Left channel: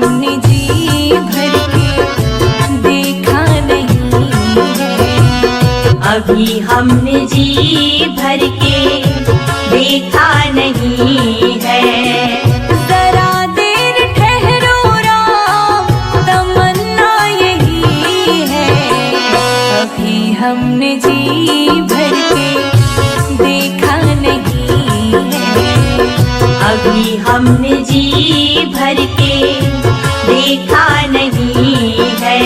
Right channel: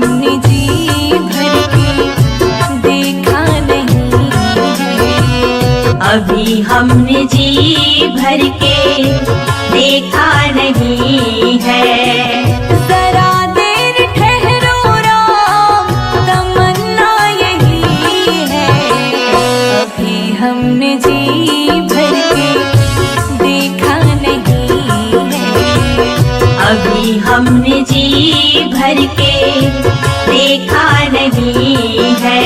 हमने जी भर के देखा नहीं है। अभी हमने जी भर के देखा नहीं है। जरा देर ठहरो राम, तमन्ना यही है। अभी हमने जी भर के देखा नहीं है। अभी हमने जी भर के देखा नहीं है।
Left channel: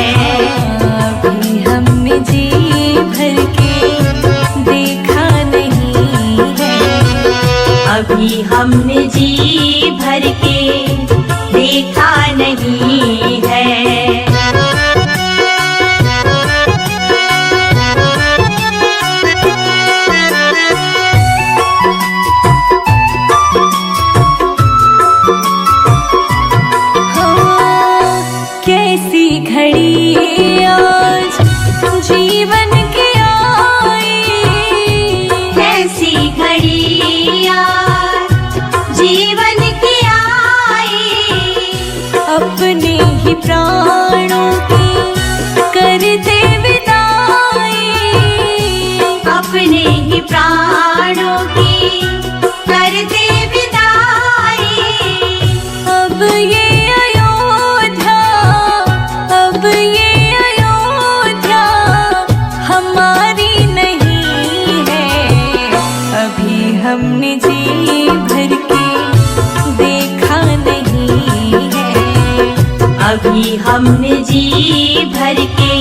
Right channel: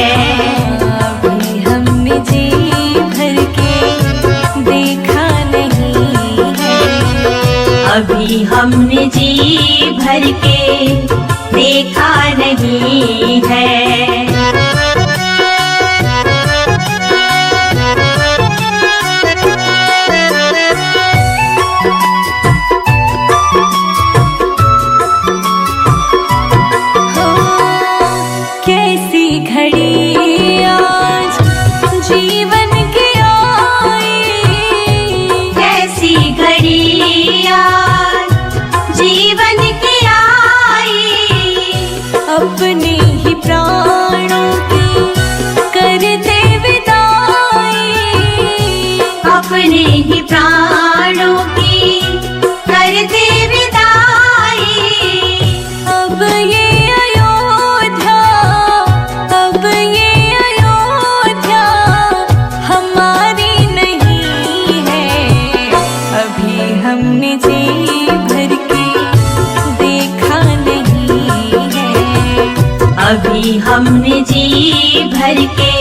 अभी हमने जी भर के देखा नहीं है। अभी हमने जी भर के देखा नहीं है। कैसी घड़ी आज जीवन की आई, कैसी घड़ी आज जीवन की आई। अपने ही प्राणों की करते विदाई, अपने ही प्राणों की करते विदाई। अब ये हमारी नहीं है। अभी हमने जी भर के देखा नहीं है। अभी हमने जी भर के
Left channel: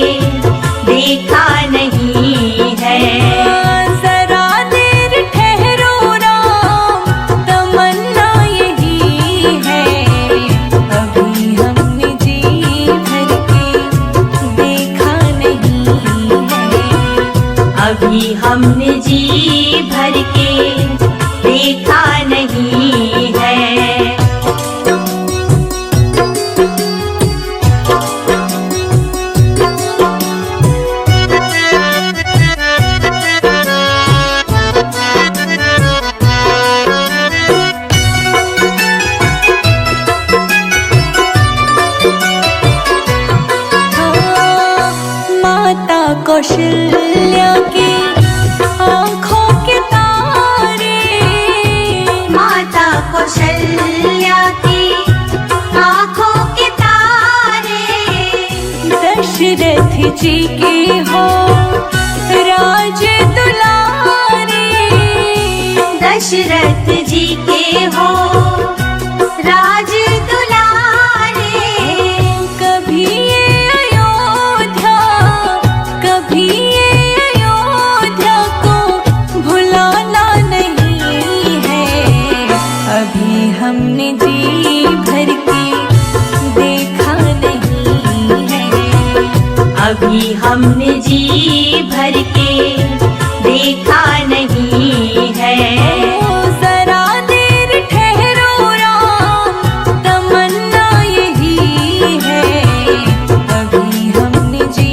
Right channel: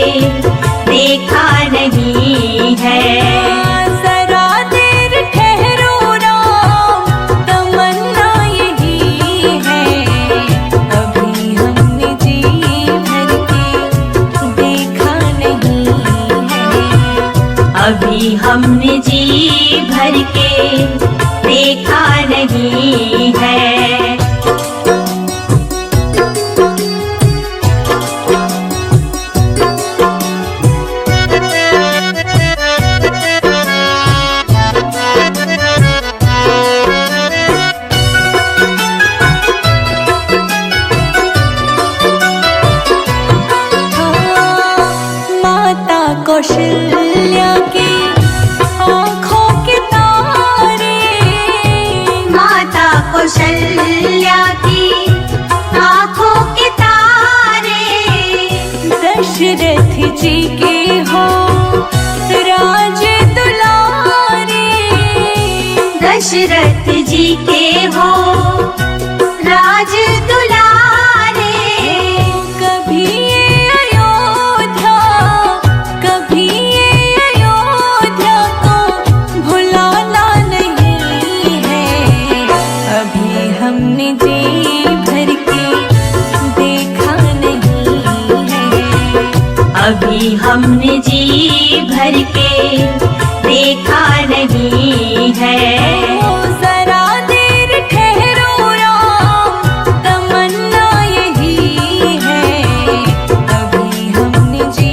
देखा नहीं है। जरा देर ठहरो राम, तमन्ना यही है। अभी हमने जी भर के देखा नहीं है। अभी हमने जी भर के देखा नहीं है। माता कौशल्या की आँखों के तारे, माता कौशल्या की आँखों के तारे। दशरथ जी के हो राज दुलारे, दशरथ जी के हो राज दुलारे। कभी ये अयोध्या, कभी ये अयोध्या को भुलाना नहीं है। अभी हमने जी भर के देखा नहीं है। अभी हमने जी भर के देखा नहीं है। जरा देर ठहरो राम, तमन्ना यही है। अभी हमने जी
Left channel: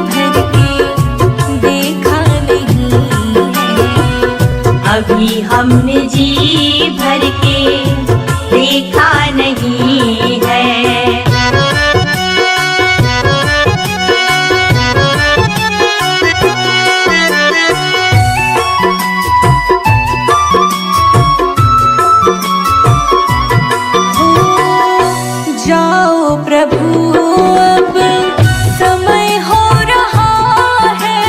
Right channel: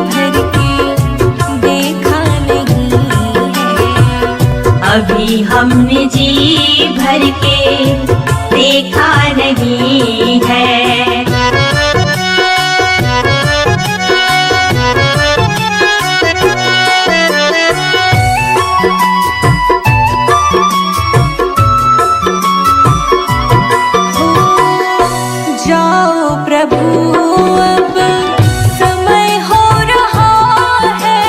भर के देखा नहीं है। अभी हमने जी भर के देखा नहीं है। जाओ प्रभु अब समय हो रहा है।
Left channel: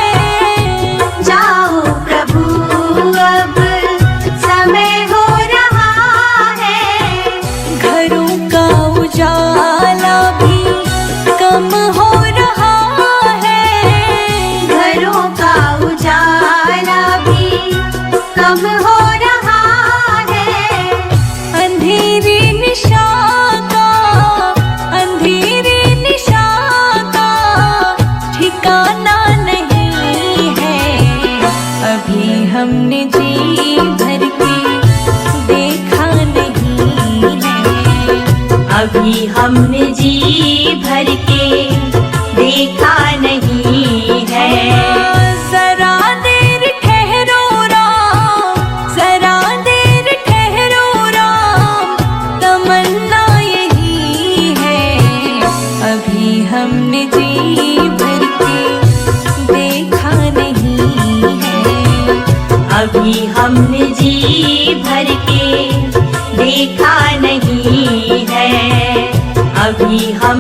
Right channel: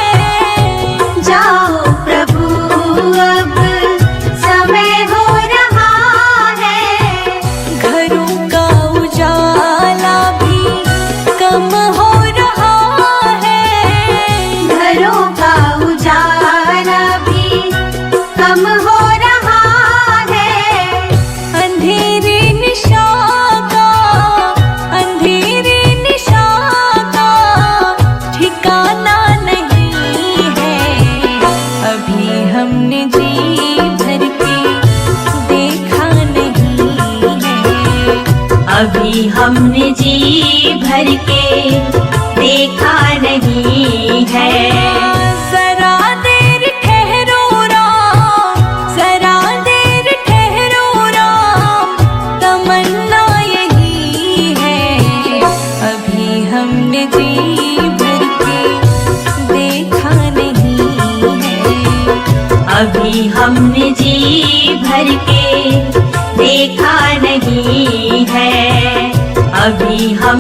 जाओ प्रभु अब समय हो रहा है। घरों का उजाला भी कम हो रहा है। घरों का उजाला भी कम हो रहा है। अंधेरी निशा का, अंधेरी निशा का ठिकाना नहीं है। अभी हमने जी भर के देखा नहीं है। अभी हमने जी भर के देखा नहीं है। जरा देर ठहरो राम, जरा देर ठहरो राम, तमन्ना यही है। हमने जी भर के देखा नहीं है। अभी हमने जी भर के देखा नहीं है। अभी हम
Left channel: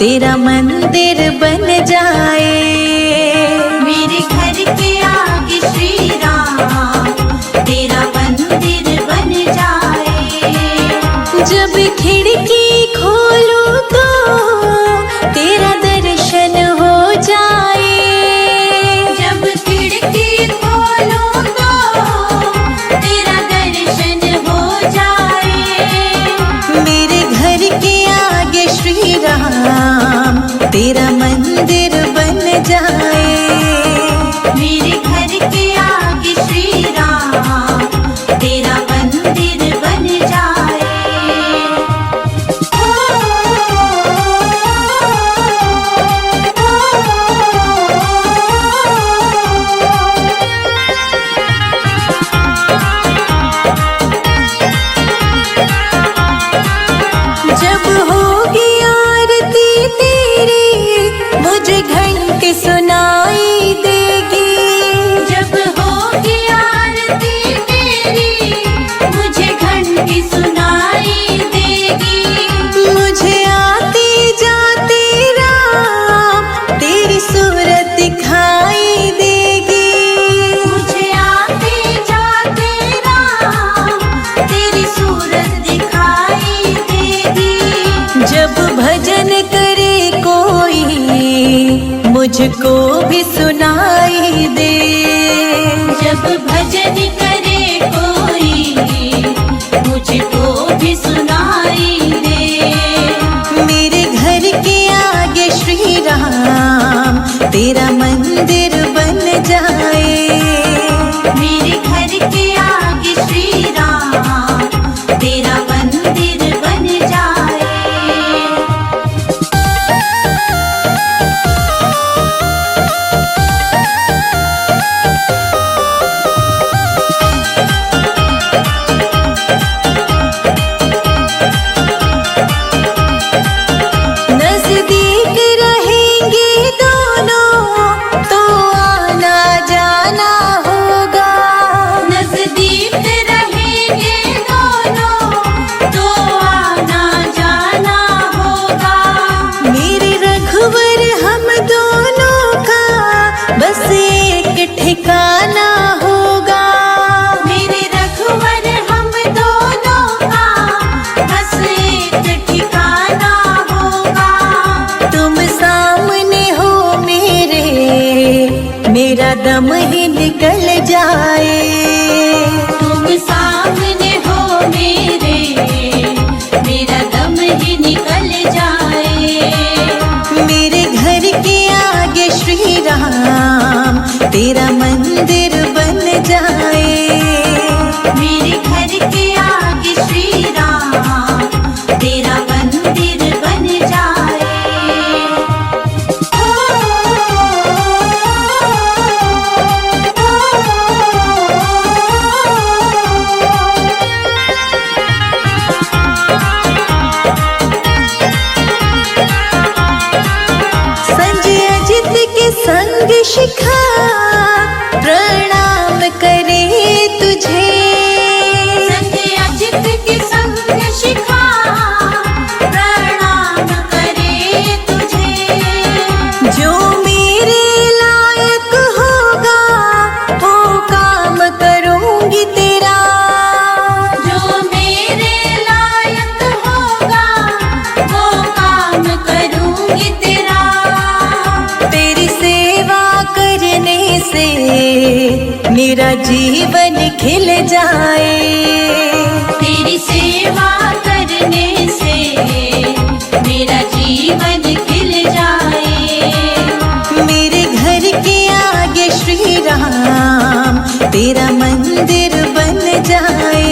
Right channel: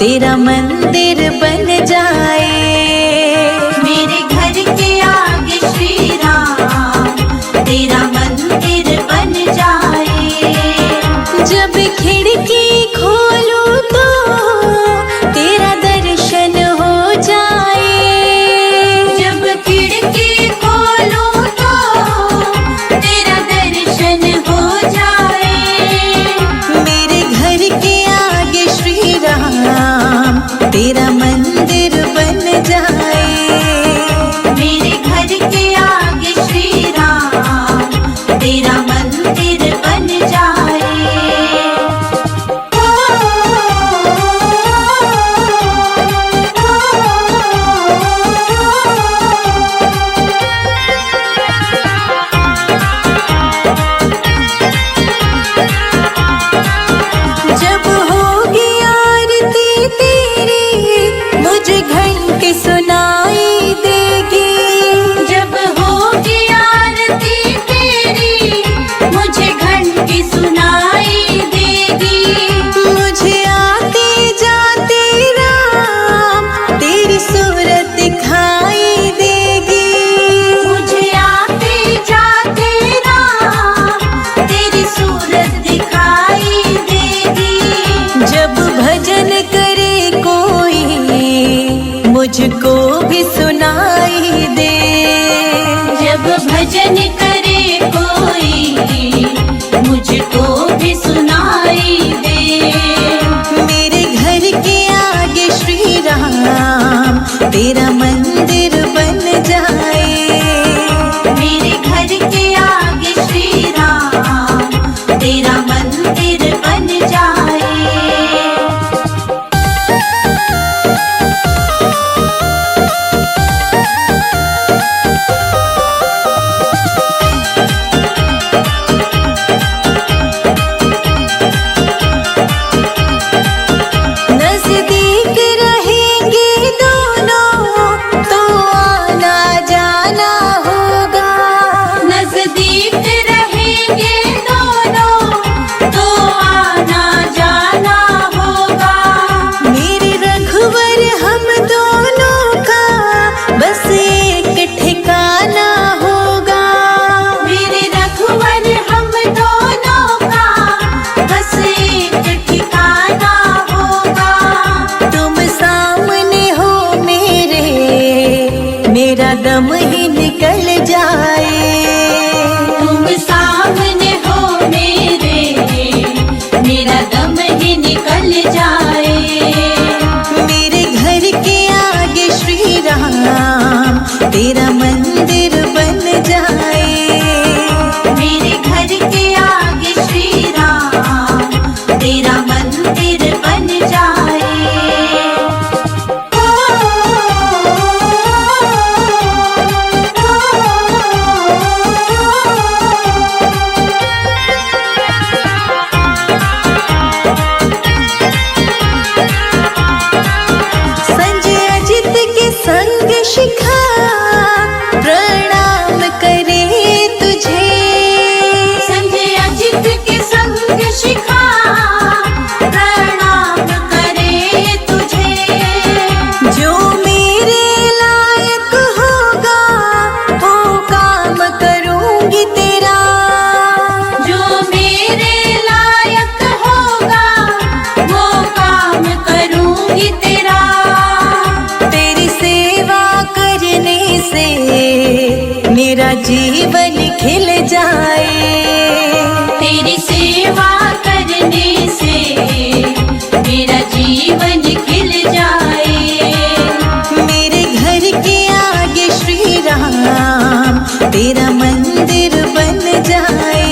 तेरा मंदिर बन जाए। मेरे घर के आगे श्री राम तेरा मंदिर बन जाए। जब खिड़की खोलूं तो तेरा दर्शन हो जाए। जब खिड़की खोलूं तो तेरा दर्शन हो जाए। मेरे घर के आगे श्री राम तेरा मंदिर बन जाए। मेरे घर के आगे श्री राम तेरा मंदिर बन जाए। जब होगी आरती तेरी मुझे घंटी सुनाई देगी। जब होगी आरती तेरी मुझे घंटी सुनाई देगी। मुझे आते जाते राम तेरी सूरत दिखाई देगी। मुझे आते जाते राम तेरी सूरत दिखाई देगी। जब भजन करे कोई मुझको भी सुनाई दे। जब भजन करे कोई मुझको भी सुनाई दे। मेरे घर के आगे श्री राम तेरा मंदिर बन जाए। मेरे घर के आगे श्री राम तेरा मंदिर बन जाए। नजदीक रहेंगे दोनों तो आना जाना होगा। नजदीक रहेंगे दोनों तो आना जाना होगा। मेरे रघुवर हम दोनों का बस एक ठिकाना होगा। मेरे रघुवर हम दोनों का बस एक ठिकाना होगा। तुम सामने हो मेरा दम ही निकल जाए। तुम सामने हो मेरा दम ही निकल जाए। मेरे घर के आगे श्री राम तेरा मंदिर बन जाए। मेरे घर के आगे श्री राम तेरा मंदिर बन जाए। संजय अजित के संग शिखा प्रणाम करे तुझे। संजय अजित के संग शिखा प्रणाम करे तुझे। जो मेरे लायक होगा वो काम करूंगी तेरा। जो मेरे लायक होगा वो काम करूंगी तेरा। तेरी सेवा करने से मेरा जीवन खिल जाए। तेरी सेवा करने से मेरा जीवन खिल जाए। मेरे घर के आगे श्री राम तेरा मंदिर बन जाए।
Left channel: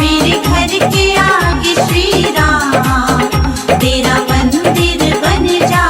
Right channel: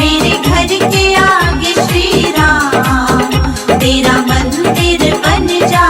मेरे घर के आगे श्री राम तेरा मंदिर बन जाए।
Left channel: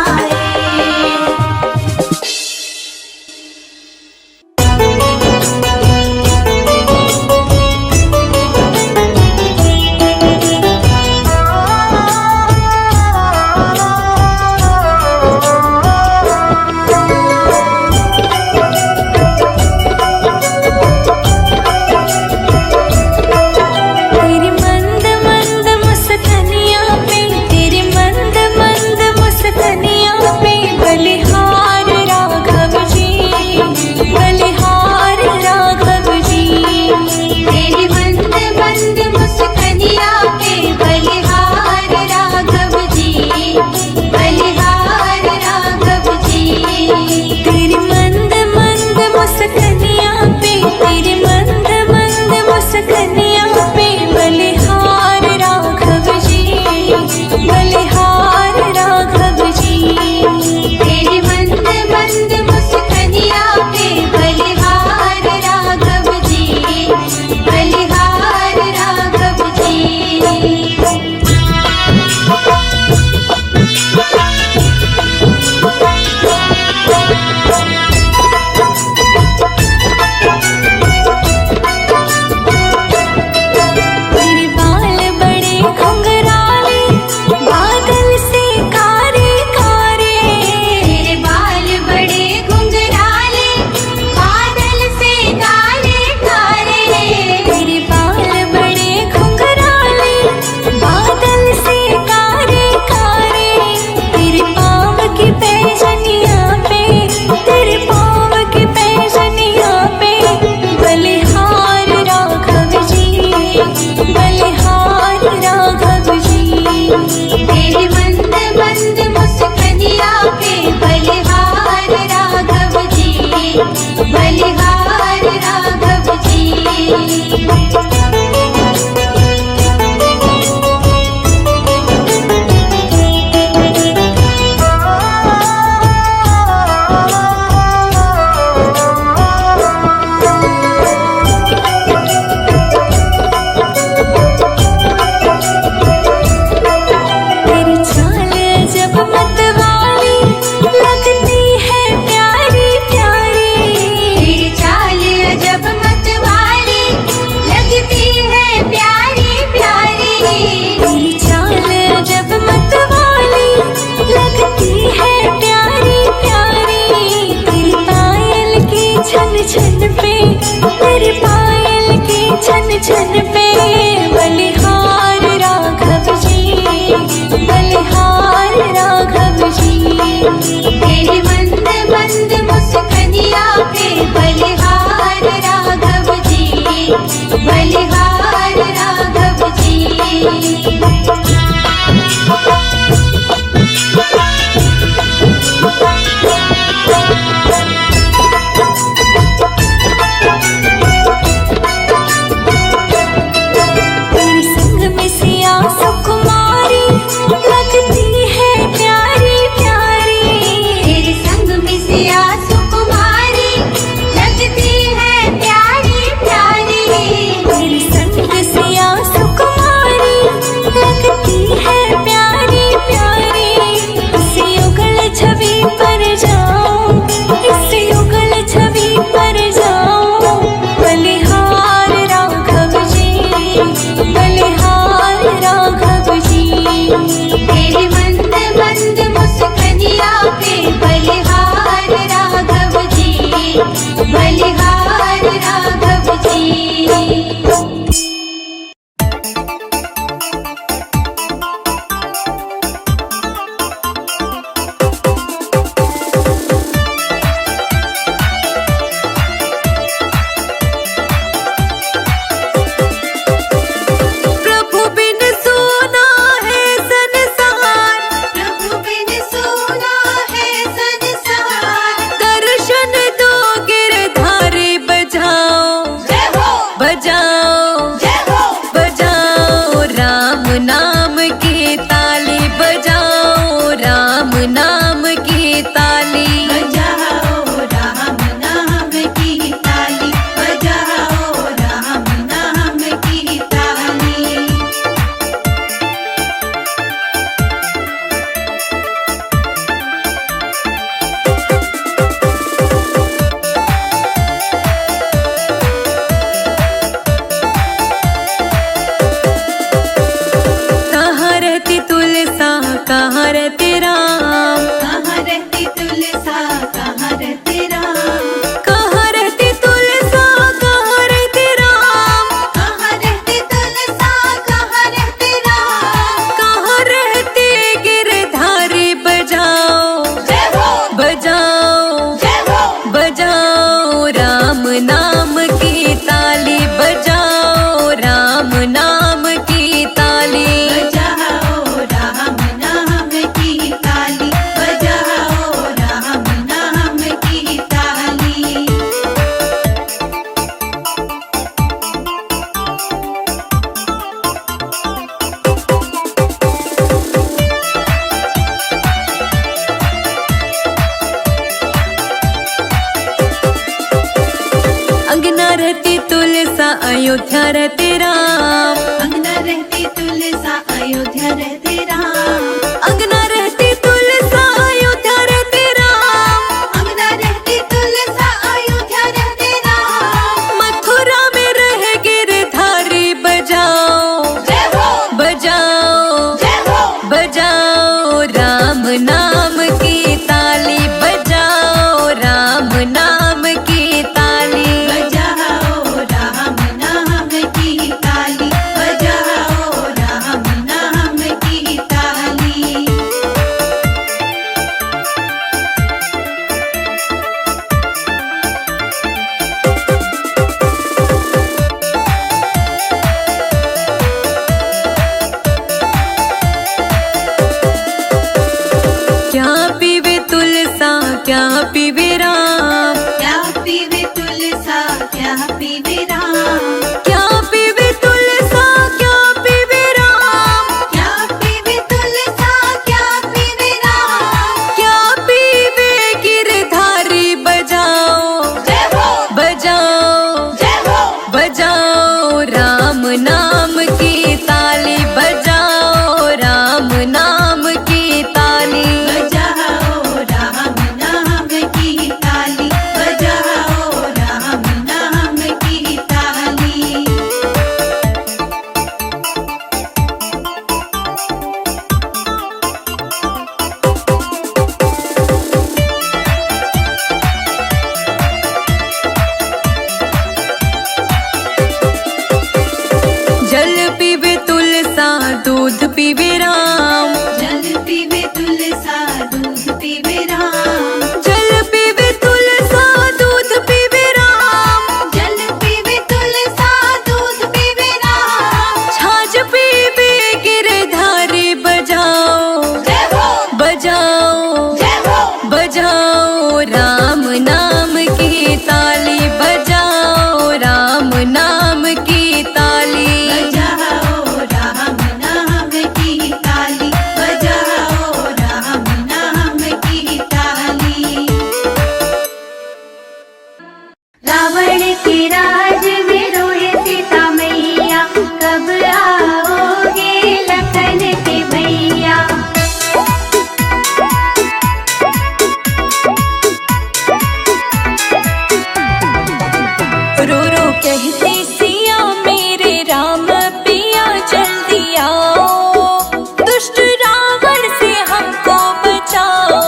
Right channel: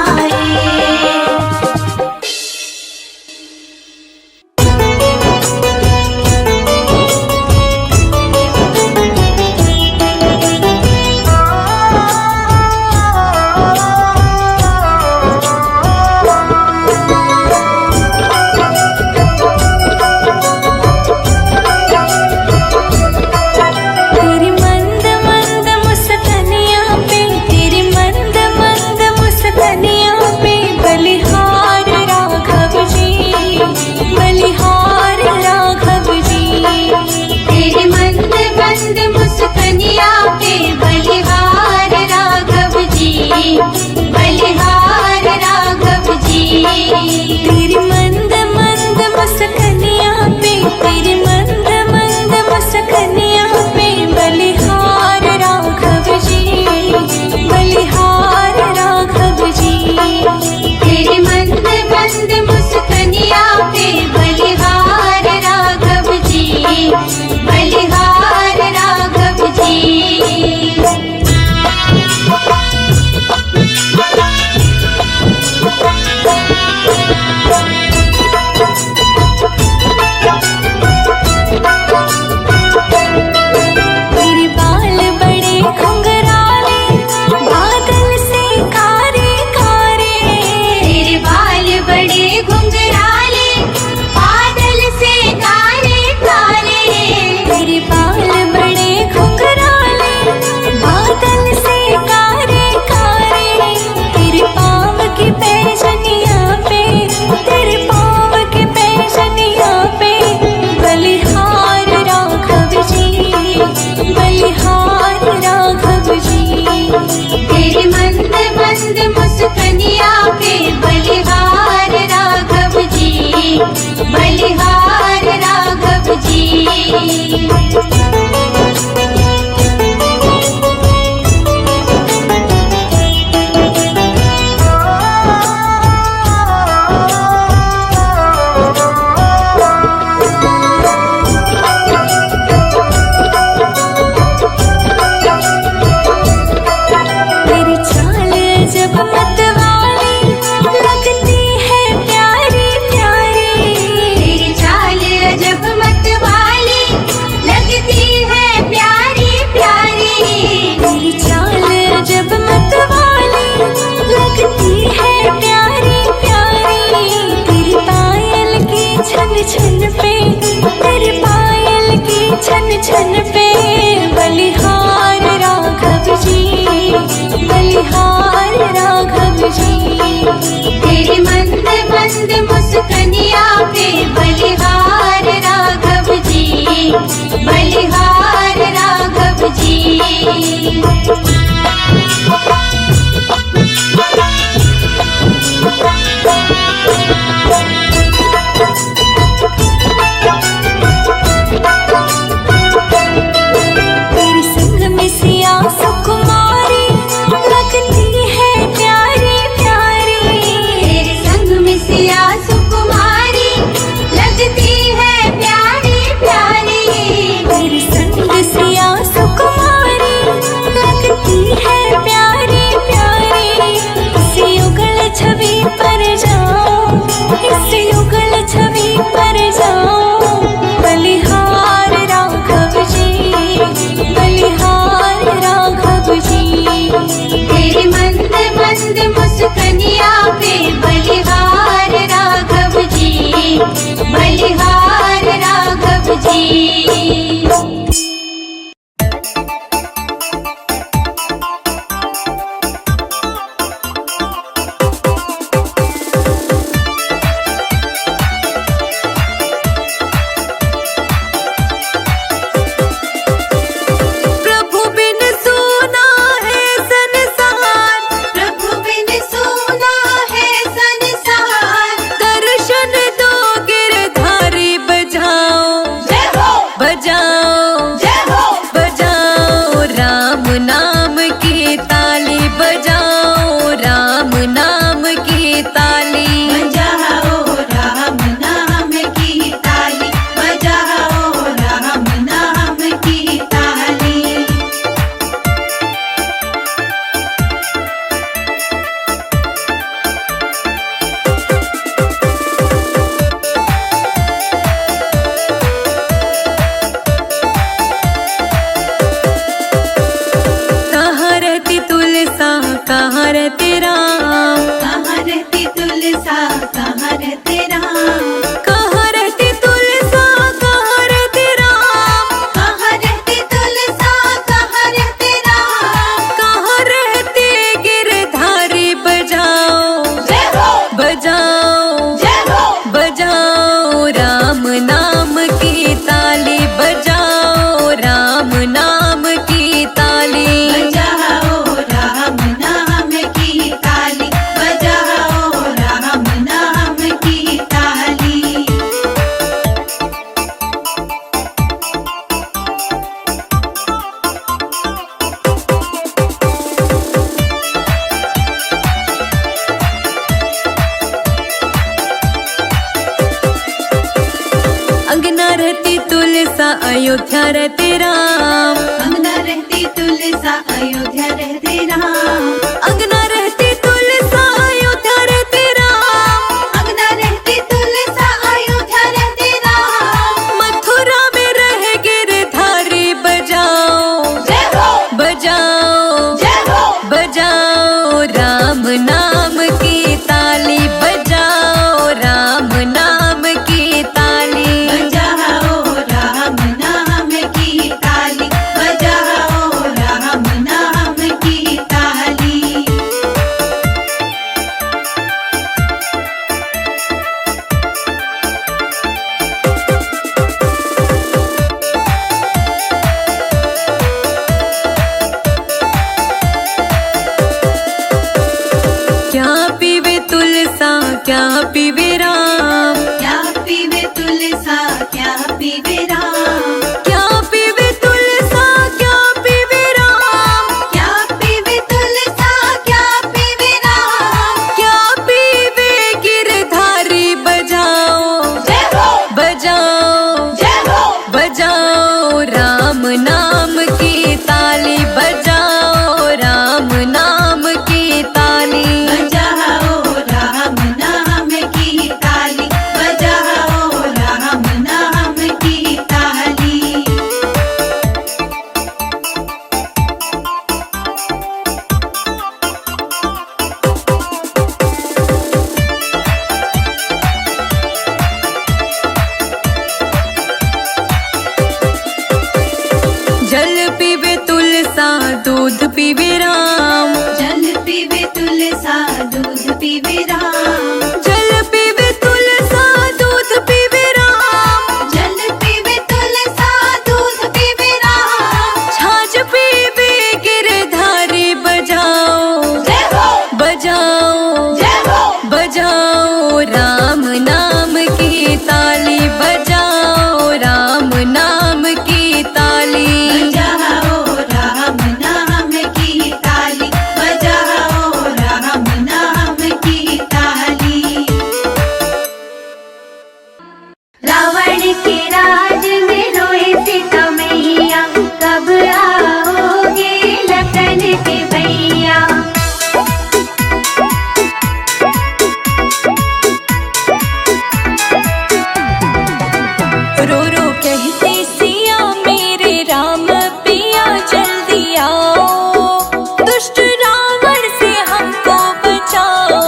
तेरी पायल की छन छन पे बलिहार राघव जी, बलिहार राघव जी। तेरे मंद मंद मुस्कनिया पे बलिहार राघव जी, बलिहार राघव जी। तेरे संग में सिया सुकुमारी लगती है प्यारी प्यारी। तेरे संग में सिया सुकुमारी लगती है प्यारी प्यारी। तेरे संग सिया सुकुमारी लगती है प्यारी प्यारी। इस युगल छवि पर जाऊं, इस युगल छवि पर जाऊं, बलिहार राघव जी, बलिहार राघव जी। तेरे मंद मंद मुस्कनिया पे बलिहार राघव जी, बलिहार राघव जी। प्रभु बिन सोना है संसार, प्रभु बिन सोना है संसार। दर्शन दो गिरधारी बजाओ, जय हो, बजाओ, जय हो, बजाओ राम नाम की ताली, बजाओ राम नाम की ताली। बजाओ राम नाम की ताली, बजाओ राम नाम की ताली। कहाँ रहती तुलसा, कहाँ रहते राम, कहाँ रहती तुलसा, कहाँ रहते राम। कहाँ रहती तुलसा, कहाँ रहते राम, कहाँ रहती तुलसा, कहाँ रहते राम। कहाँ रहते गिरधारी बजाओ, जय हो, बजाओ, जय हो, बजाओ राम नाम की ताली, बजाओ राम नाम की ताली। बजाओ राम नाम की ताली, बजाओ राम नाम की ताली। अंगना रहती तुलसा, अयोध्या रहते राम, अंगना रहती तुलसा, अयोध्या रहते राम। अंगना रहती तुलसा, अयोध्या रहते राम, अंगना रहती तुलसा, अयोध्या रहते राम। मथुरा में रह गिरधारी बजाओ, जय हो, बजाओ, जय हो, बजाओ राम नाम की ताली, बजाओ राम नाम की ताली। बजाओ राम नाम की ताली, बजाओ राम नाम पीवे तुलसा दूध पीवे राम, जल पीवे तुलसा दूध पीवे राम, जल पीवे तुलसा दूध पीवे राम, जल पीवे तुलसा दूध पीवे राम। छाछ पीवे गिरधारी बजाओ जय हो बजाओ जय हो बजाओ राम नाम की ताली, बजाओ राम नाम की ताली। बजाओ राम नाम की ताली, बजाओ राम नाम की ताली। रावण के राज में रोए सीता मैया, कब आओगे लखन के भैया। रो रो कहते सिया मेरे राम पिया जल्दी आओ, दुष्ट रावण से हमको बचाओ।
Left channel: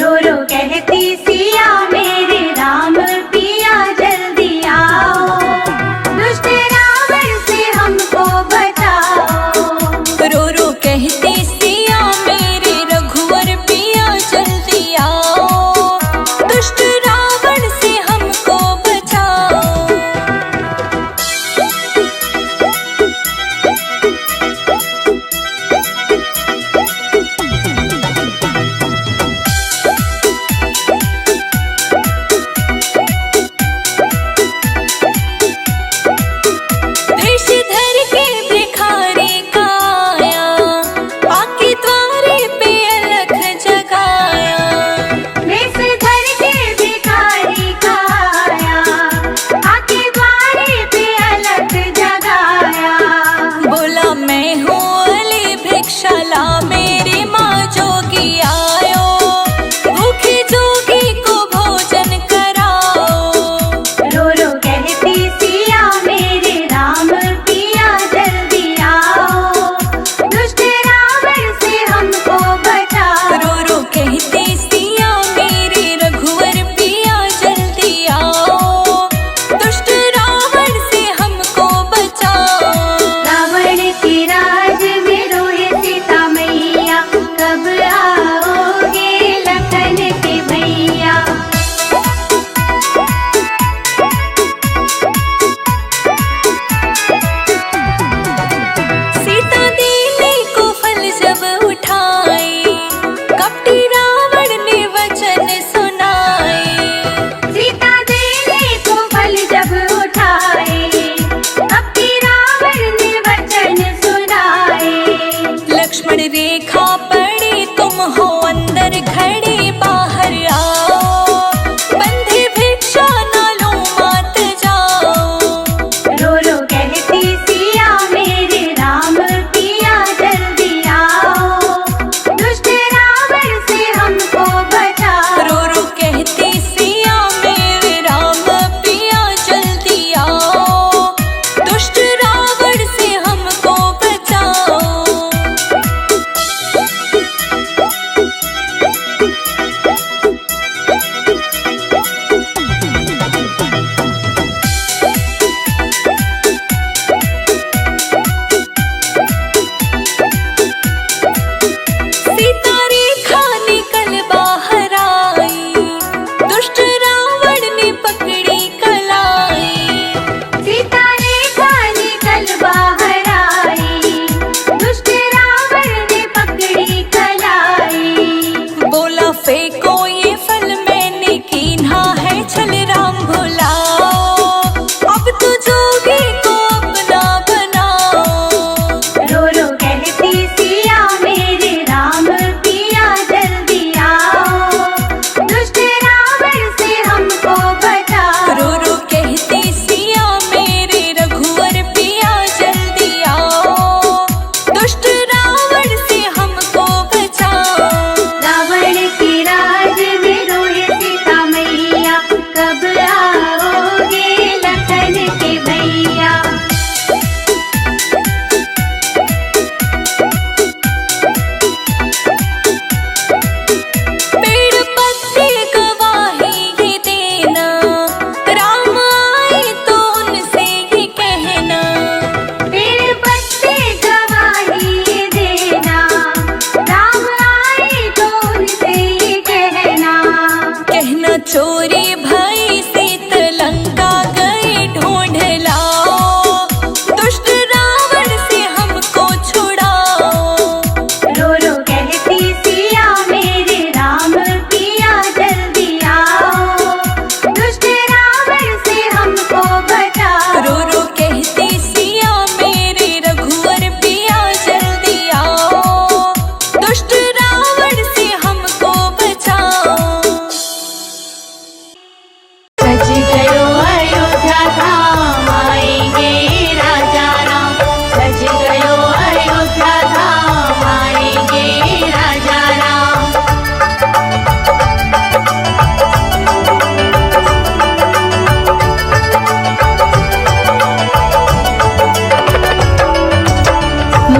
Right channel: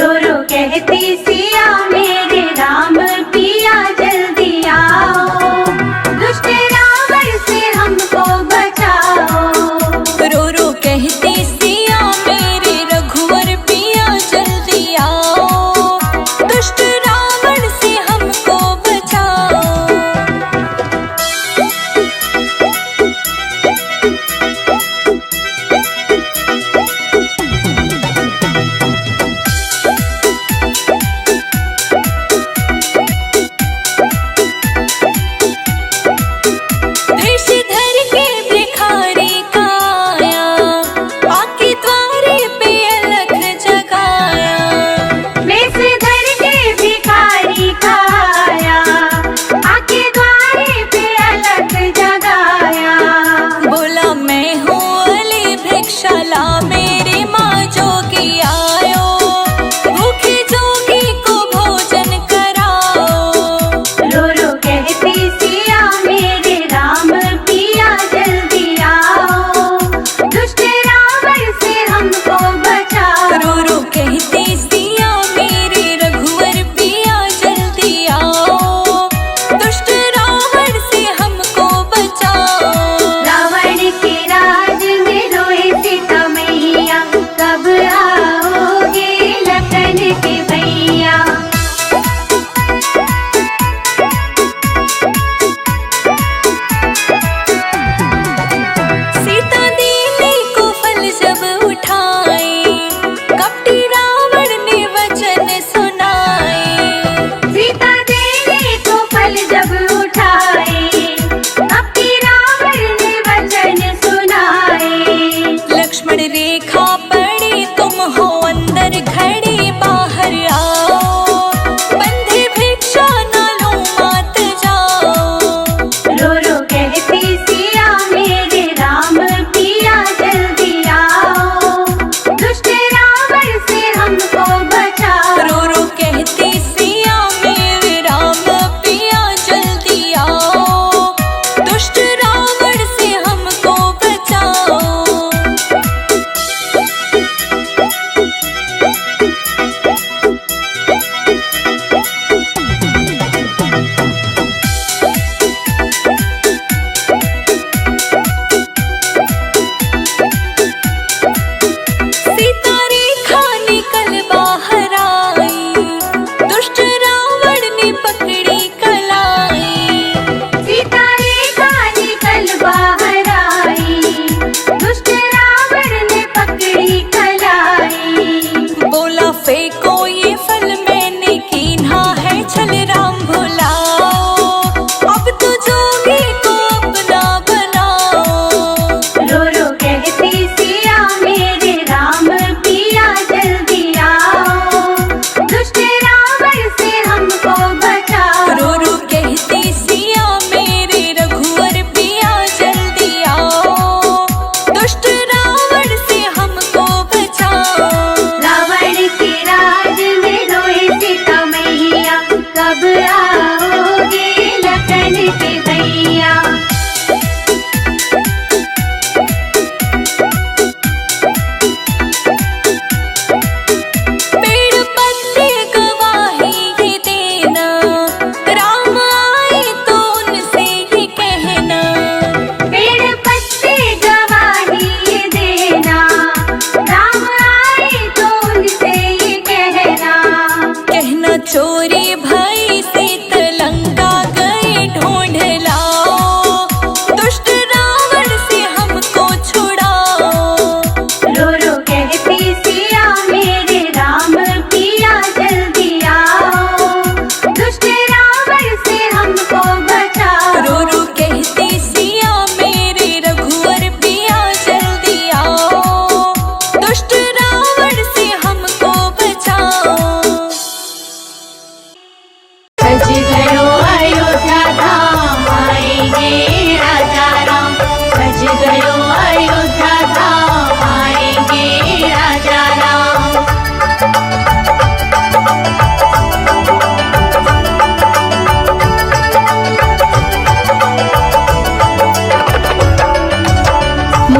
रो रो कहती सिया मेरे राम पिया जल्दी आओ, दुष्ट रावण से हमको बचाओ। रो रो कहते सिया मेरे रघुवर पिया जल्दी आओ, दुष्ट रावण से हमको बचाओ। देश धर के भिखारी का आया, आके द्वारे पे अलख जगाया। वेश धर के भिखारी का आया, आके द्वारे पे अलख जगाया। बोला मैं हूँ अली भिक्षाला, मेरी माँ जोगी आयो, भूखे जोगी को भोजन कराओ। रो रो कहती सिया मेरे राम पिया जल्दी आओ, दुष्ट रावण से हमको बचाओ। रो रो कहते सिया मेरे रघुवर पिया जल्दी आओ, दुष्ट रावण से हमको बचाओ। रावण के राज में रोए सीता मैया, कब आओगे लखन के भैया। सीता देने को फल जब उठाए, कपटी रावण ने वचन सुनाए। सीता देने को फल जब उठाए, कपटी रावण ने वचन सुनाए। लक्ष्मण रेखा पड़ी तुम हो अंदर खड़े, बाहर आओ, बंधे भिक्षा ना लो मात जाओ। रो रो कहती सिया मेरे राम पिया जल्दी आओ, दुष्ट रावण से हमको बचाओ। रो रो कहते सिया मेरे राम पिया जल्दी आओ, दुष्ट रावण से हमको बचाओ। सीता रेखा निकल बाहर आई, दुष्ट रावण ने पकड़ी कलाई। सीता रेखा निकल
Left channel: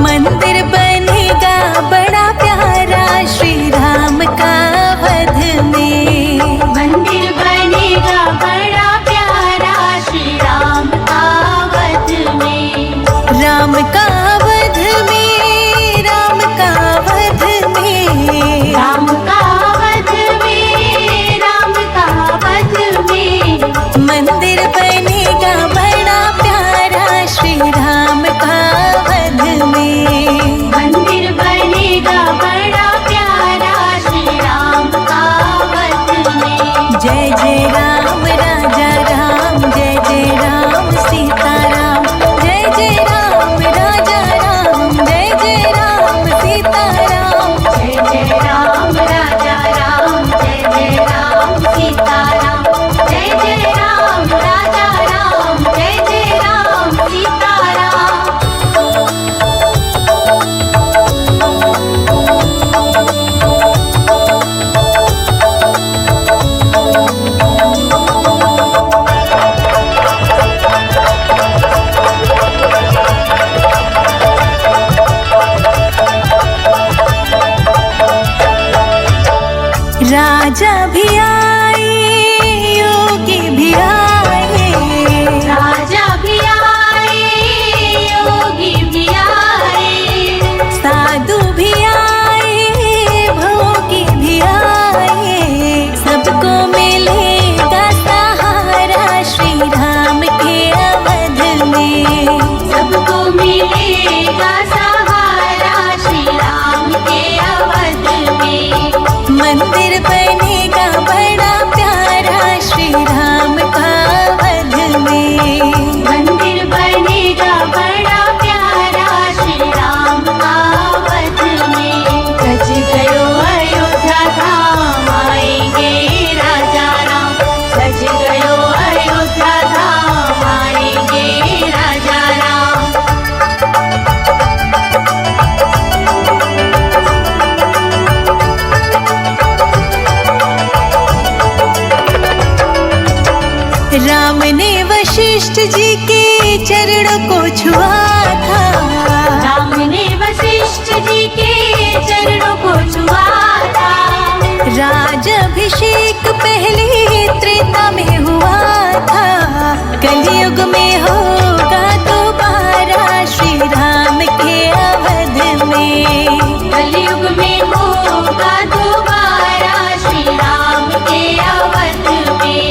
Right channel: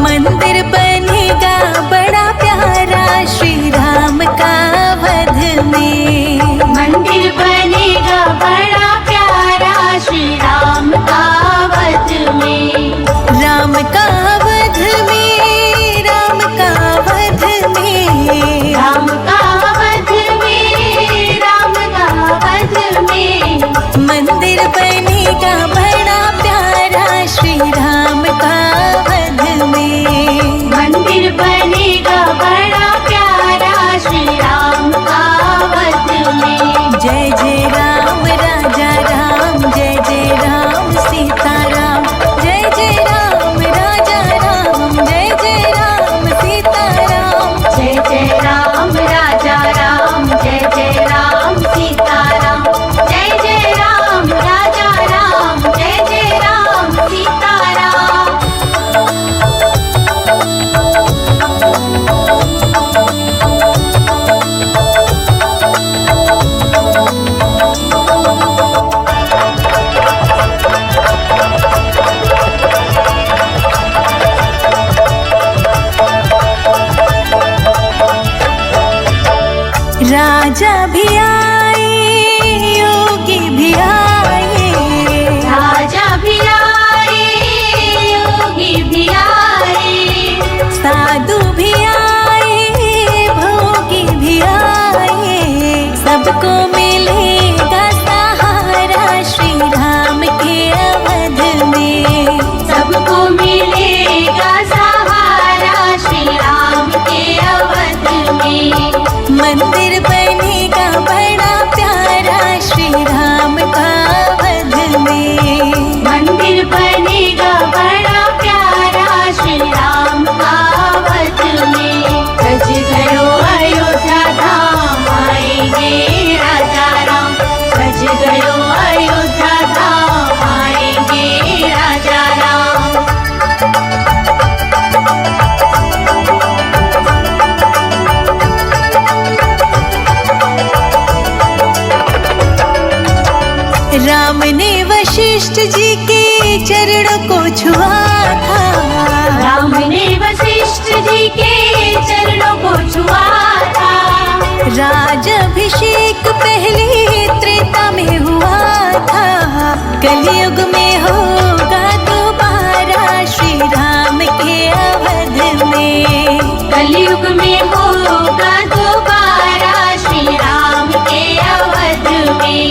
मंदिर बनेगा बड़ा प्यारा श्री राम का वध में। मंदिर बनेगा बड़ा प्यारा श्री राम का वध में। राम का वध में, राम का वध में, राम का वध में, राम का वध में। मंदिर बनेगा बड़ा प्यारा श्री राम का वध में। मंदिर बनेगा बड़ा प्यारा श्री राम का वध में। जय जय राम राजा राम, जय जय राम सीताराम, जय जय राम राजा राम, जय जय राम सीताराम। जय जय राम राजा राम, जय जय राम सीताराम, जय जय राम राजा राम, जय जय राम सीताराम। राजा भी आए, योगी भी आए, राजा भी आए, योगी भी आए, साधु भी आए, भोगी भी आए। सबको मिलेगा सहारा श्री राम के अवध में। सबको मिलेगा सहारा श्री राम के अवध में। मंदिर बनेगा बड़ा प्यारा श्री राम का वध में। मंदिर बनेगा बड़ा प्यारा श्री राम का वध में। सज गयो अयोध्या धाम, आएंगे राजा राम। सज गयो अयोध्या धाम, आएंगे राजा राम। राम ने वशिष्ठ जी के चरणों को छुआ था। राम ने वशिष्ठ जी के चरणों को छुआ था। राजाभिषेक पहले त्रेता में हुआ था। कलयुग में होगा दोबारा श्री राम के अवध में। कलयुग में होगा दोबारा श्री राम के अवध में।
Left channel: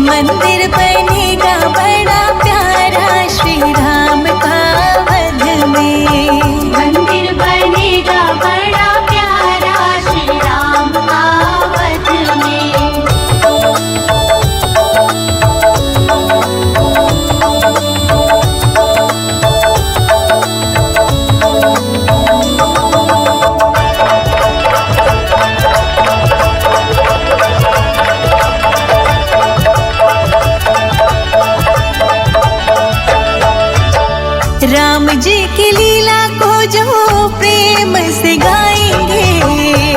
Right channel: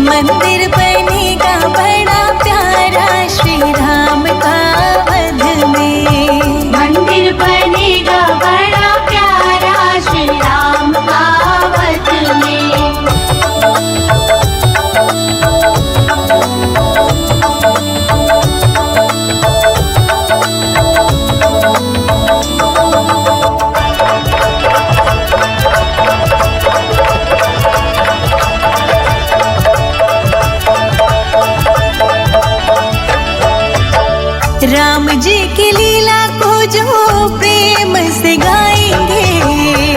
मंदिर बनेगा बड़ा प्यारा श्री राम का वध में। मंदिर बनेगा बड़ा प्यारा श्री राम का वध में। राम जी की लीला को जो प्रेम से गाएंगे।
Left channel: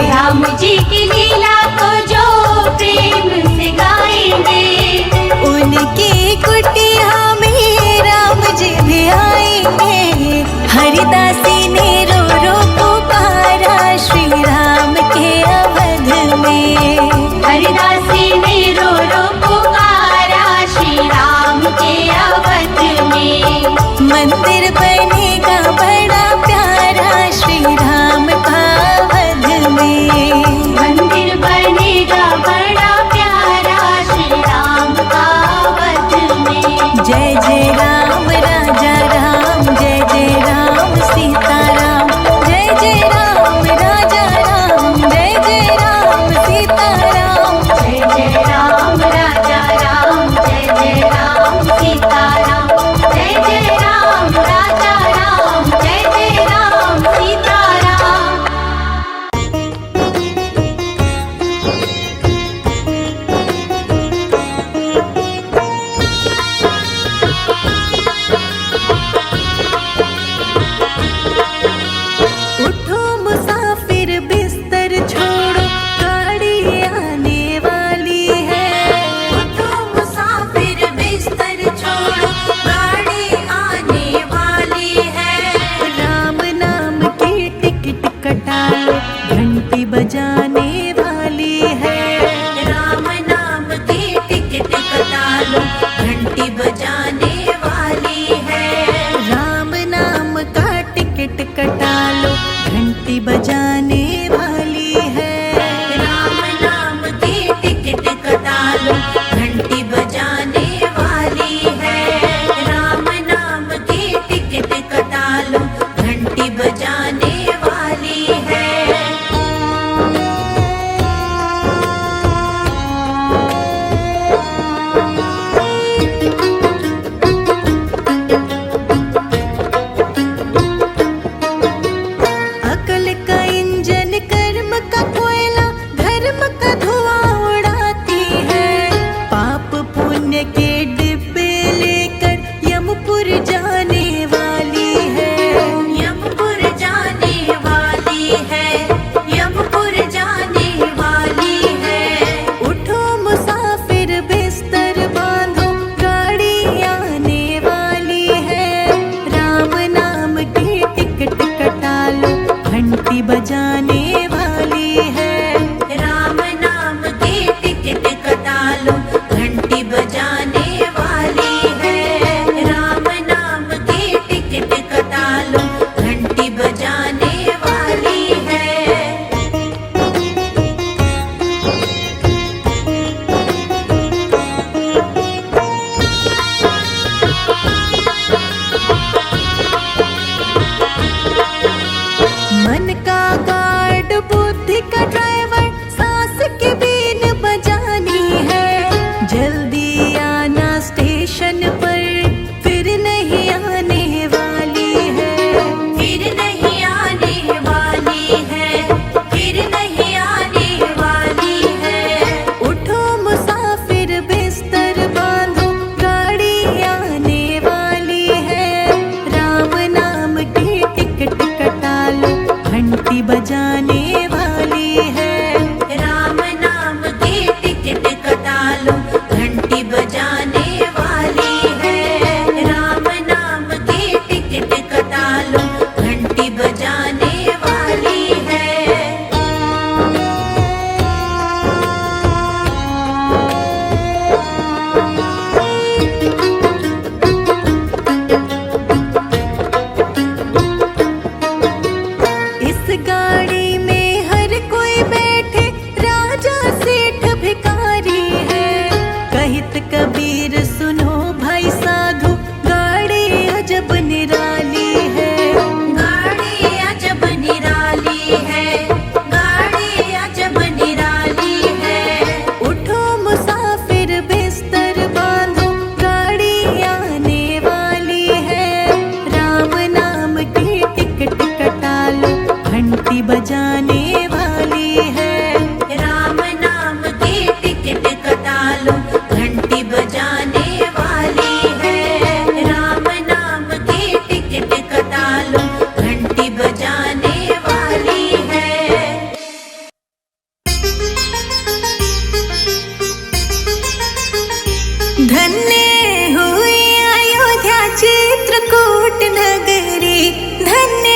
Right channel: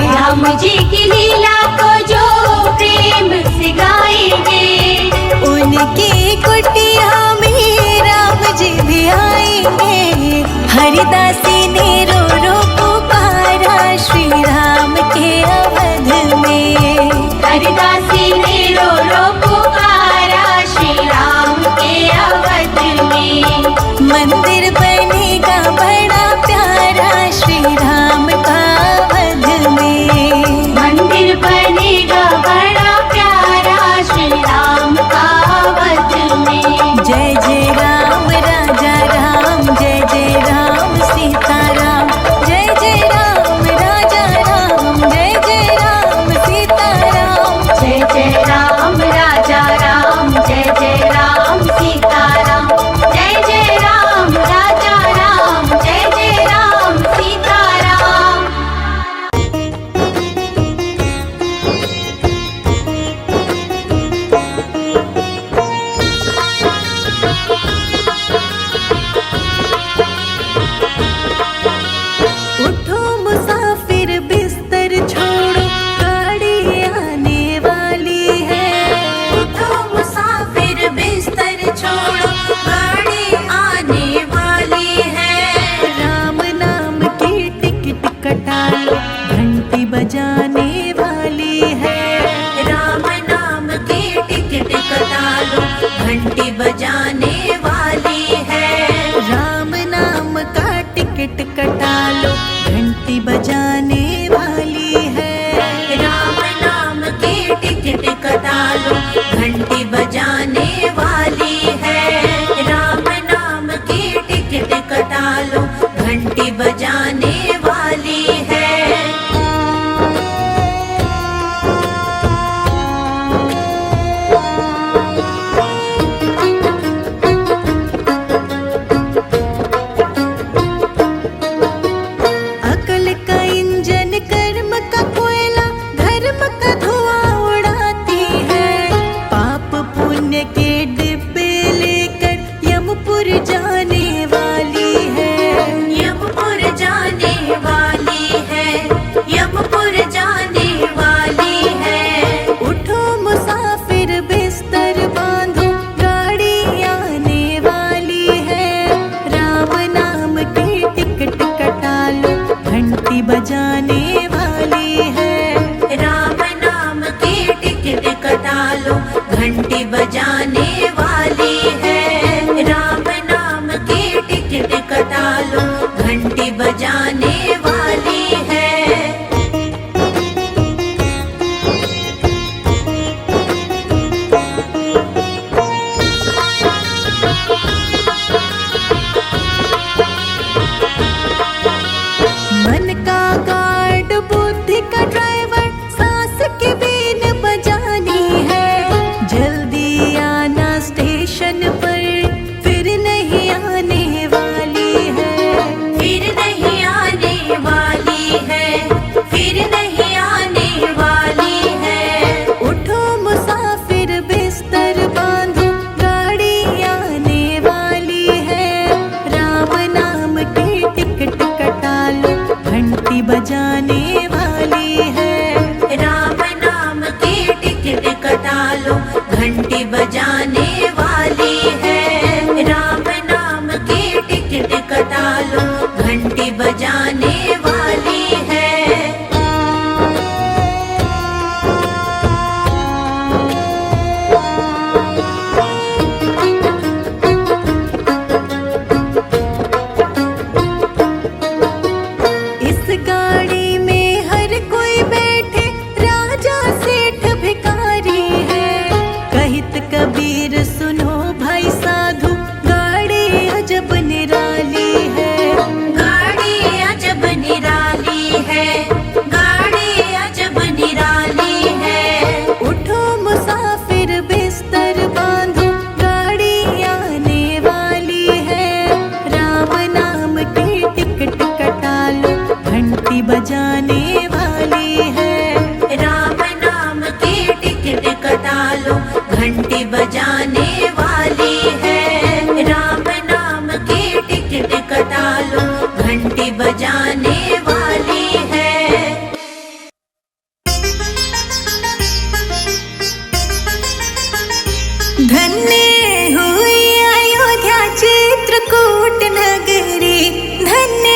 राम जी की लीला को जो प्रेम से गाएंगे। उनकी कुटिया में राम जी भी आएंगे। हरिदासी ने रो रो पुकारा श्री राम के अवध में। हरिदासी ने रो रो पुकारा श्री राम के अवध में। मंदिर बनेगा बड़ा प्यारा श्री राम का वध में। मंदिर बनेगा बड़ा प्यारा श्री राम का वध में। जय जय राम राजा राम, जय जय राम सीता घंटी बजाने वाली है। राम नाम की टिकट कटा लो, घंटी बजाने वाली है। राम नाम की टिकट कटा लो, घंटी बजाने वाली है। अकल का इंजन, कर्म का कोयला, धर्म का धुआं उड़ाती है। पाप पुण्य के डिब्बे लेकर यमपुर जाने वाली है। यमपुर जाने वाली है, यमपुर जाने वाली है। उठो मुसाफिर बिस्तर बांधो, गाड़ी आने वाली है। राम नाम की टिकट कटा लो, घंटी बजाने वाली है। राम नाम की टिकट कटा लो, घंटी बजाने वाली है। राम नाम की टिकट कटा लो, घंटी बजाने वाली है। मन का गार्ड, बुद्धि का ड्राइवर, सांस की बीन बजानी है। जल्दी आना स्टेशन पर, फिर नहीं आने वाली है। फिर नहीं आने वाली है, फिर नहीं आने वाली है। उठो मुसाफिर बिस्तर बांधो, गाड़ी आने वाली है। राम नाम की टिकट कटा लो, घंटी बजाने वाली है। राम नाम की टिकट कटा लो, घंटी बजाने वाली है। राम नाम की टिकट कटा लो, घंटी बजाने वाली है। इस गाड़ी में हर कोई बैठे, राजा सेठ भिखारी है। कहित कबीर सुनो भाई साधु, गाड़ी अजब निराली है। गाड़ी अजब निराली है, गाड़ी अजब निराली है। उठो मुसाफिर बिस्तर बांधो, गाड़ी आने वाली है। राम नाम की टिकट कटा लो, घंटी बजाने वाली है। राम नाम की टिकट कटा लो, घंटी बजाने वाली है। राम नाम की टिकट कटा लो, घंटी बजाने वाली है। धन्य हुई अयोध्या चित्रकूट नगरी, धन्य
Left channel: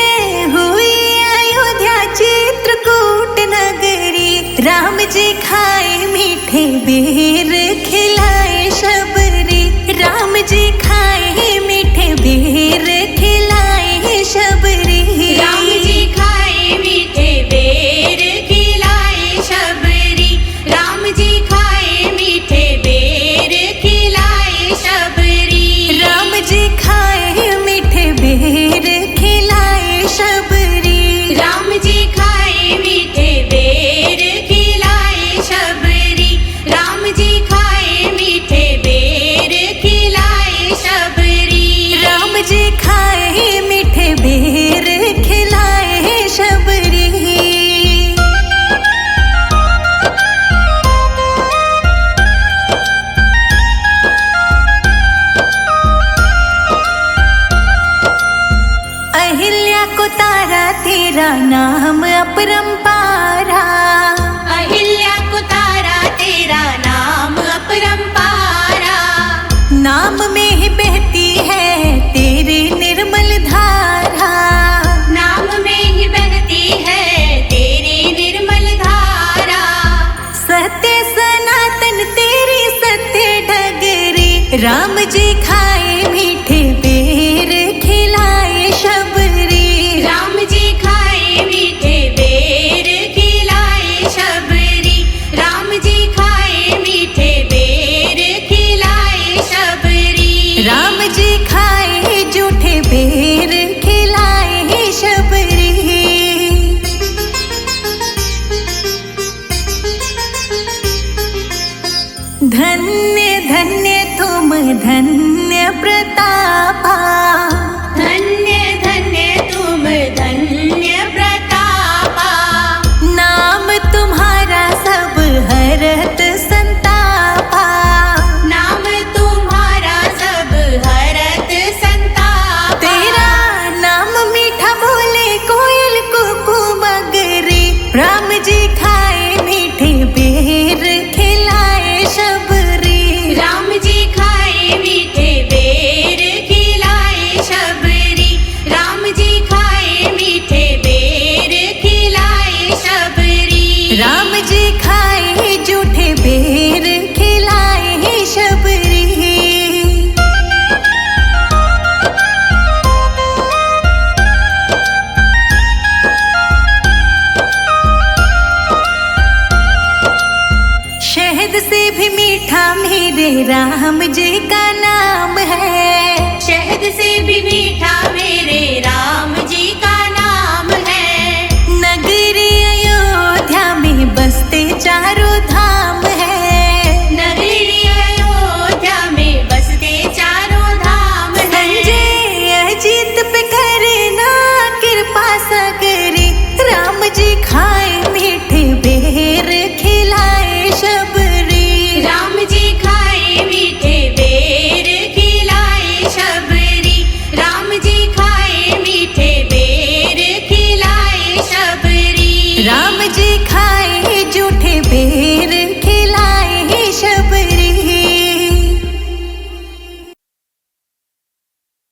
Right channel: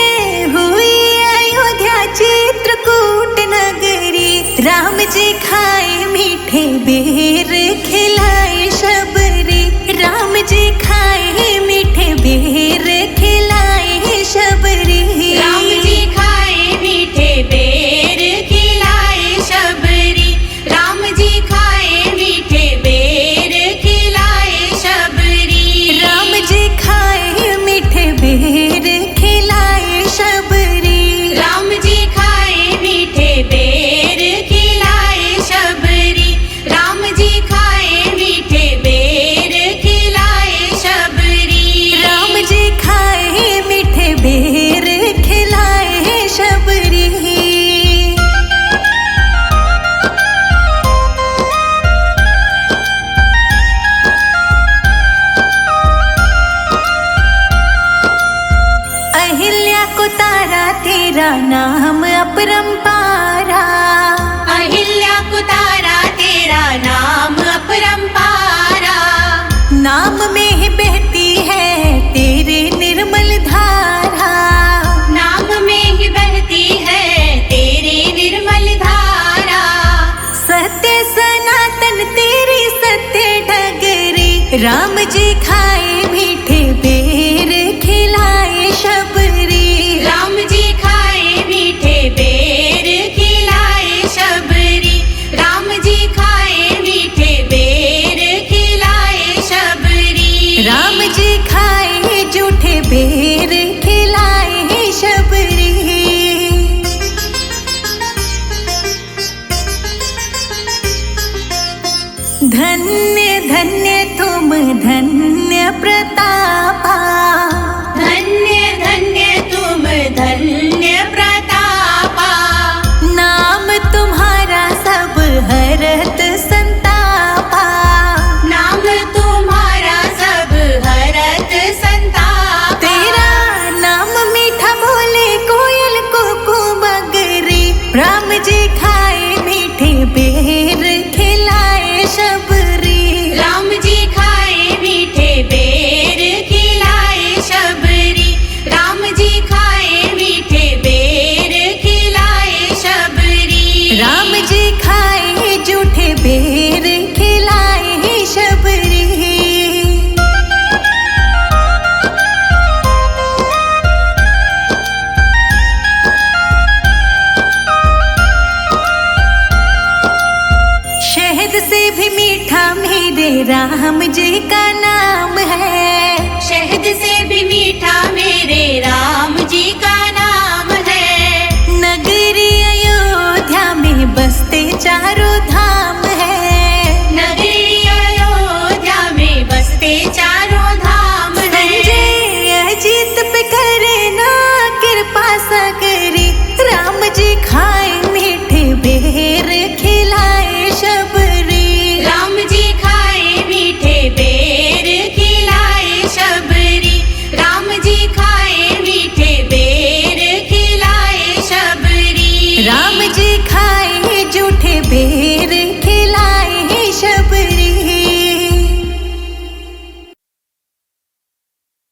हुई अयोध्या चित्रकूट नगरी। राम जी खाए मीठे बेर, खिलाए शबरी। राम जी खाए मीठे बेर, खिलाए शबरी। राम जी खाए मीठे बेर, खिलाए शबरी। राम जी खाए मीठे बेर, खिलाए शबरी। राम जी खाए मीठे बेर, खिलाए शबरी। राम जी खाए मीठे बेर, खिलाए शबरी। राम जी खाए मीठे बेर, खिलाए शबरी। राम जी खाए मीठे बेर, खिलाए शबरी। अहिल्या को तारा, तेरा नाम अपरंपारा। अहिल्या को तारा, तेरा नाम अपरंपारा। नाम में ही बहती है तेरी निर्मल धारा। नाम में ही बहती है तेरी निर्मल धारा। सत्य सनातन तेरी सत्य डगरी। राम जी खाए मीठे बेर, खिलाए शबरी। राम जी खाए मीठे बेर खिलाए शबरी। धन्य धन्य तुम धन्य प्रतापा, धन्य धन्य तुम धन्य प्रतापा। नाम तुम्हारा सब हरत संतापा, नाम तुम्हारा सब हरत संतापा। तेरा नाम मीठा बोले कोयल कुकू मगरी। राम जी खाए मीठे बेर खिलाए शबरी। राम जी खाए मीठे बेर खिलाए शबरी। राम जी खाए मीठे बेर खिलाए शबरी। राम जी खाए जूठे बेर खिलाए शबरी। शहद से भी मीठा मेरे राम जी का नाम है। शहद से भी मीठा मेरे राम जी का नाम है। नगरी अयोध्या में बसते चारों धाम है। नगरी अयोध्या में बसते चारों धाम है। संजय अजीत पे करे ना कृपा सगरी। राम जी खाए मीठे बेर खिलाए शबरी। राम जी खाए मीठे बेर खिलाए शबरी। राम जी खाए मीठे बेर खिलाए शबरी। राम जी खाए जूठे बेर खिलाए शबरी।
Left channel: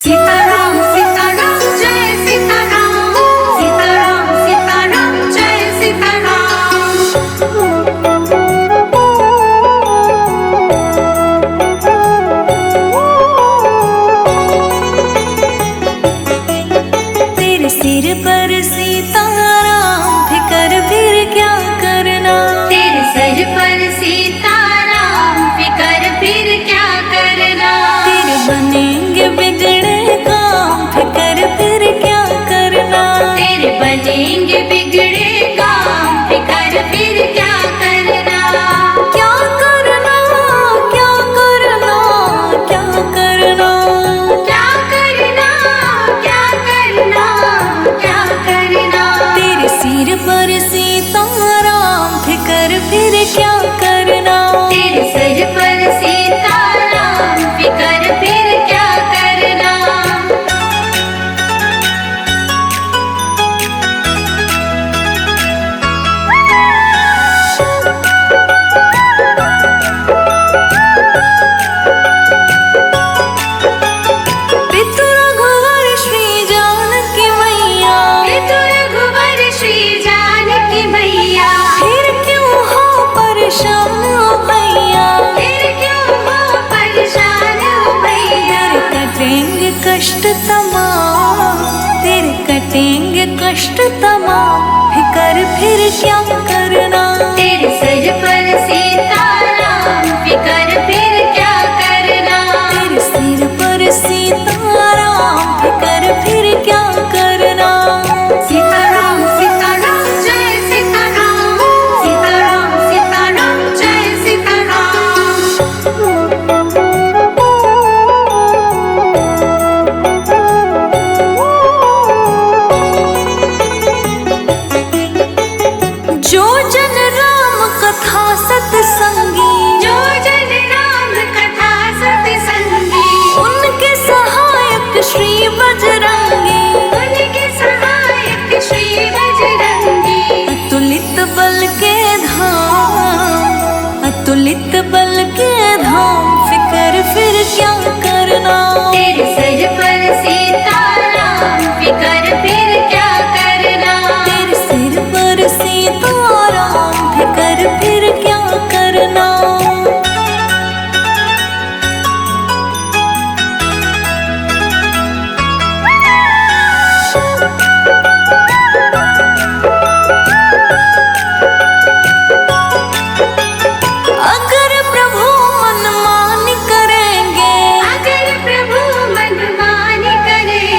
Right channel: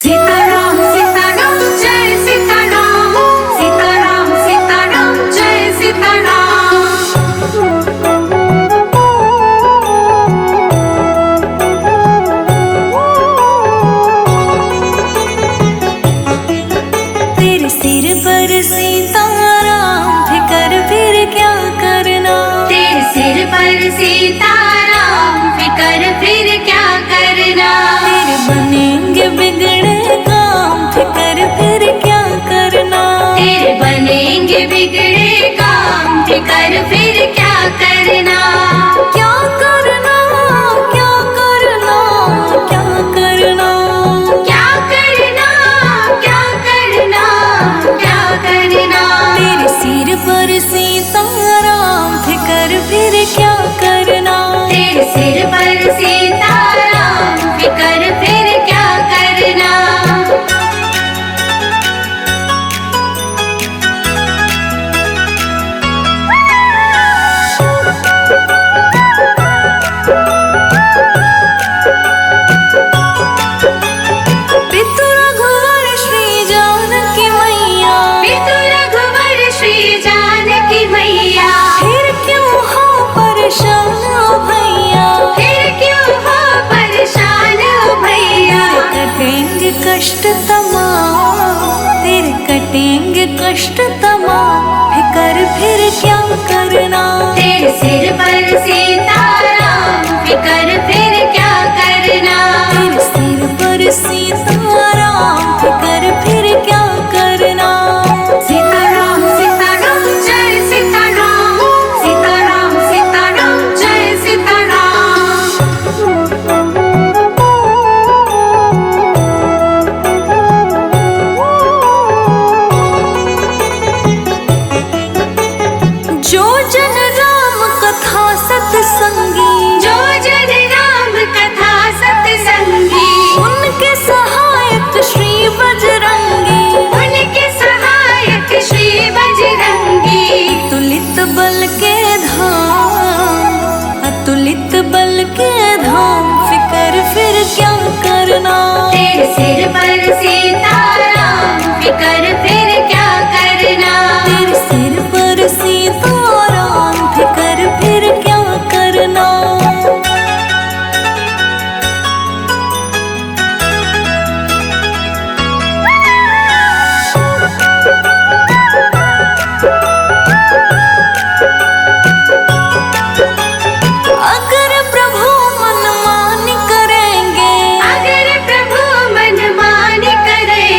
सीताराम सीताराम जय सीताराम। सीताराम सीताराम जय सीताराम। तेरे सिर पर सीताराम फिकर फिर क्या करना। तेरे सिर पर सीताराम फिकर फिर क्या करना। तेरे बनेंगे बिगड़े काम फिकर फिर क्या करना। तेरे बनेंगे बिगड़े काम फिकर फिर क्या करना। क्या करना क्या करना क्या करना। क्या करना क्या करना क्या करना। तेरे सिर पर सीताराम फिकर फिर क्या करना। तेरे सिर पर सीताराम फिकर फिर क्या करना। पितु रघुवर श्री जानकी मैया। पितु रघुवर श्री जानकी मैया। फिर क्यों हो परेशान ओ भैया। फिर क्यों हो परेशान ओ भैया। तेरे कटेंगे कष्ट तमाम। तेरे कटेंगे कष्ट तमाम फिकर फिर क्या करना। तेरे सिर पर सीताराम फिकर फिर क्या करना। तेरे सिर पर सीताराम फिकर फिर क्या करना। सीताराम सीताराम जय सीताराम। सीताराम सीताराम जय सीताराम। जो जन राम कथा सत्संगी। जो जन राम कथा सत्संगी। उनके सहायक श्री बजरंगी। उनके सहायक श्री बजरंगी। अतुलित बल के धाम। अतुलित बल के धाम फिकर फिर क्या करना। तेरे सिर पर सीताराम फिकर फिर क्या करना। तेरे सिर पर सीताराम फिकर फिर क्या करना। अगर प्रभु मनमानी करेंगे। अगर प्रभु मनमानी करेंगे।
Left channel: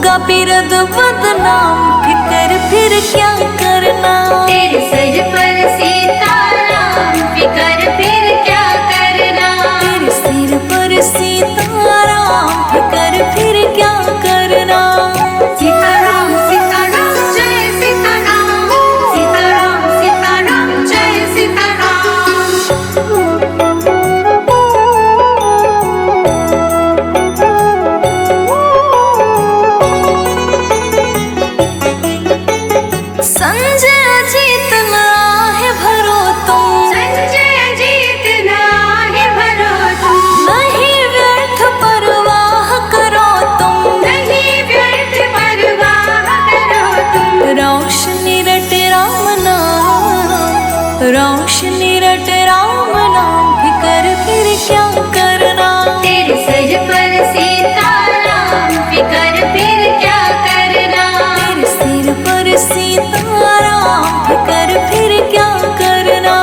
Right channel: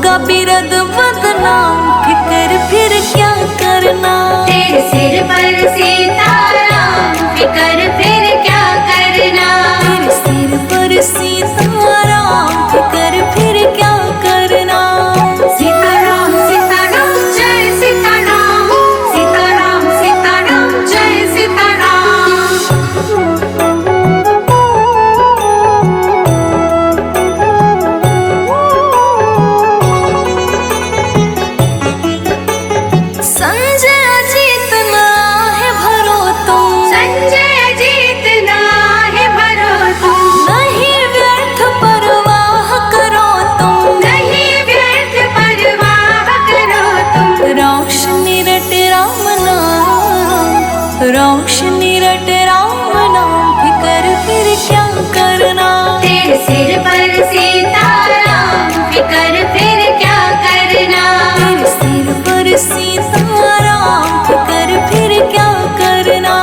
होगा बिरद बदनाम, फिकर फिर क्या करना। तेरे सिर पर सीताराम, फिकर फिर क्या करना। तेरे सिर पर सीताराम, फिकर फिर क्या करना। सीताराम सीताराम जय सीताराम, सीताराम सीताराम जय सीताराम। संजय जीतना है भरो तुम, संजय जीतना है भरो तुम, नहीं व्यर्थ परवाह करो तुम। नहीं व्यर्थ परवाह करो तुम। रोशनी रट राम नाम, रोशनी रट राम नाम, फिकर फिर क्या करना। तेरे सिर पर सीताराम, फिकर फिर क्या करना। तेरे सिर पर सीताराम, फिकर फिर क्या करना।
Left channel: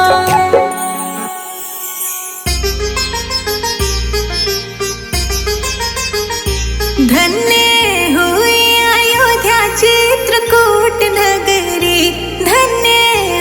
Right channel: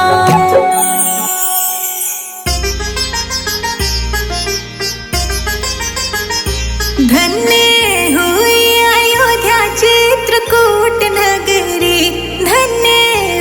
धन्य हुई अयोध्या चित्रकूट नगरी, धन्य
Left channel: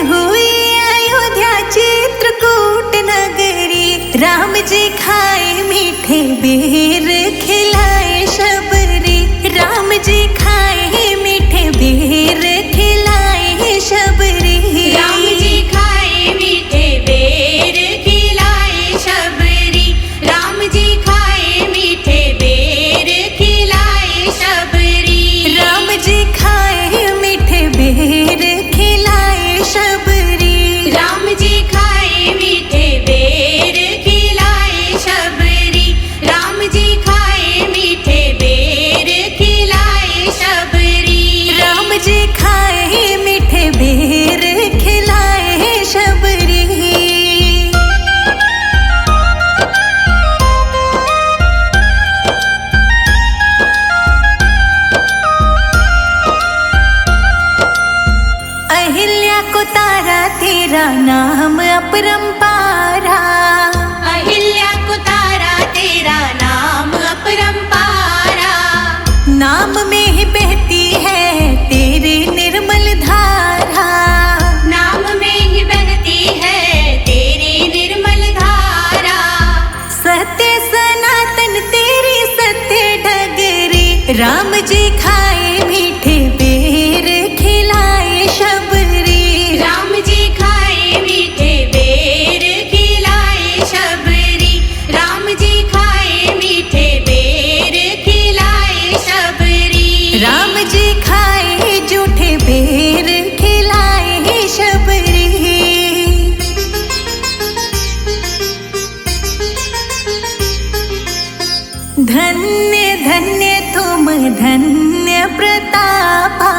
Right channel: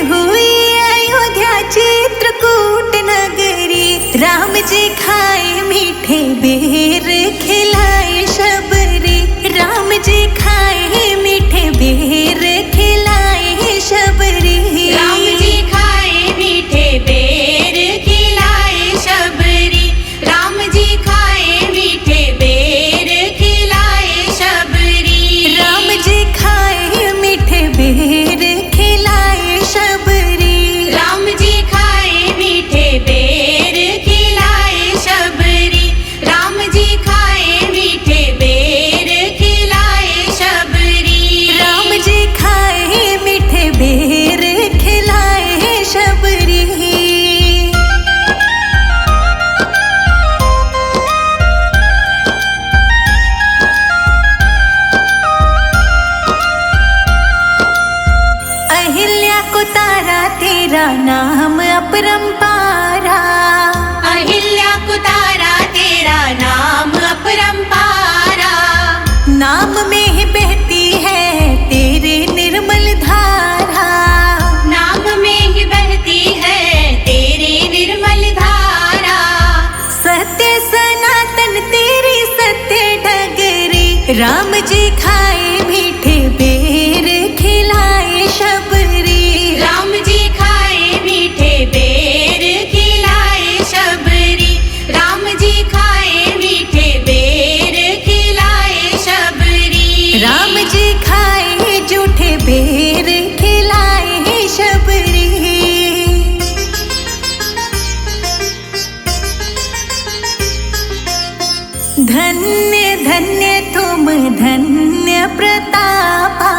हुई अयोध्या चित्रकूट नगरी। राम जी खाए मीठे बेर, खिलाए शबरी। राम जी खाए मीठे बेर, खिलाए शबरी। राम जी खाए मीठे बेर, खिलाए शबरी। राम जी खाए मीठे बेर, खिलाए शबरी। राम जी खाए मीठे बेर, खिलाए शबरी। राम जी खाए मीठे बेर, खिलाए शबरी। राम जी खाए मीठे बेर, खिलाए शबरी। राम जी खाए मीठे बेर, खिलाए शबरी। अहिल्या को तारा तेरा नाम अपरंपारा। अहिल्या को तारा तेरा नाम अपरंपारा। नाम में ही बहती है तेरे निर्मल धारा। नाम में ही बहती है तेरी निर्मल धारा। सत्य सनातन तेरी सत्य डगरी। राम जी खाए मीठे बेर, खिलाए शबरी। राम जी खाए मीठे बेर, खिलाए शबरी। राम जी खाए मीठे बेर, खिलाए शबरी। राम जी खाए जूठे बेर, खिलाए शबरी। धन्य धन्य तुम धन्य प्रतापा।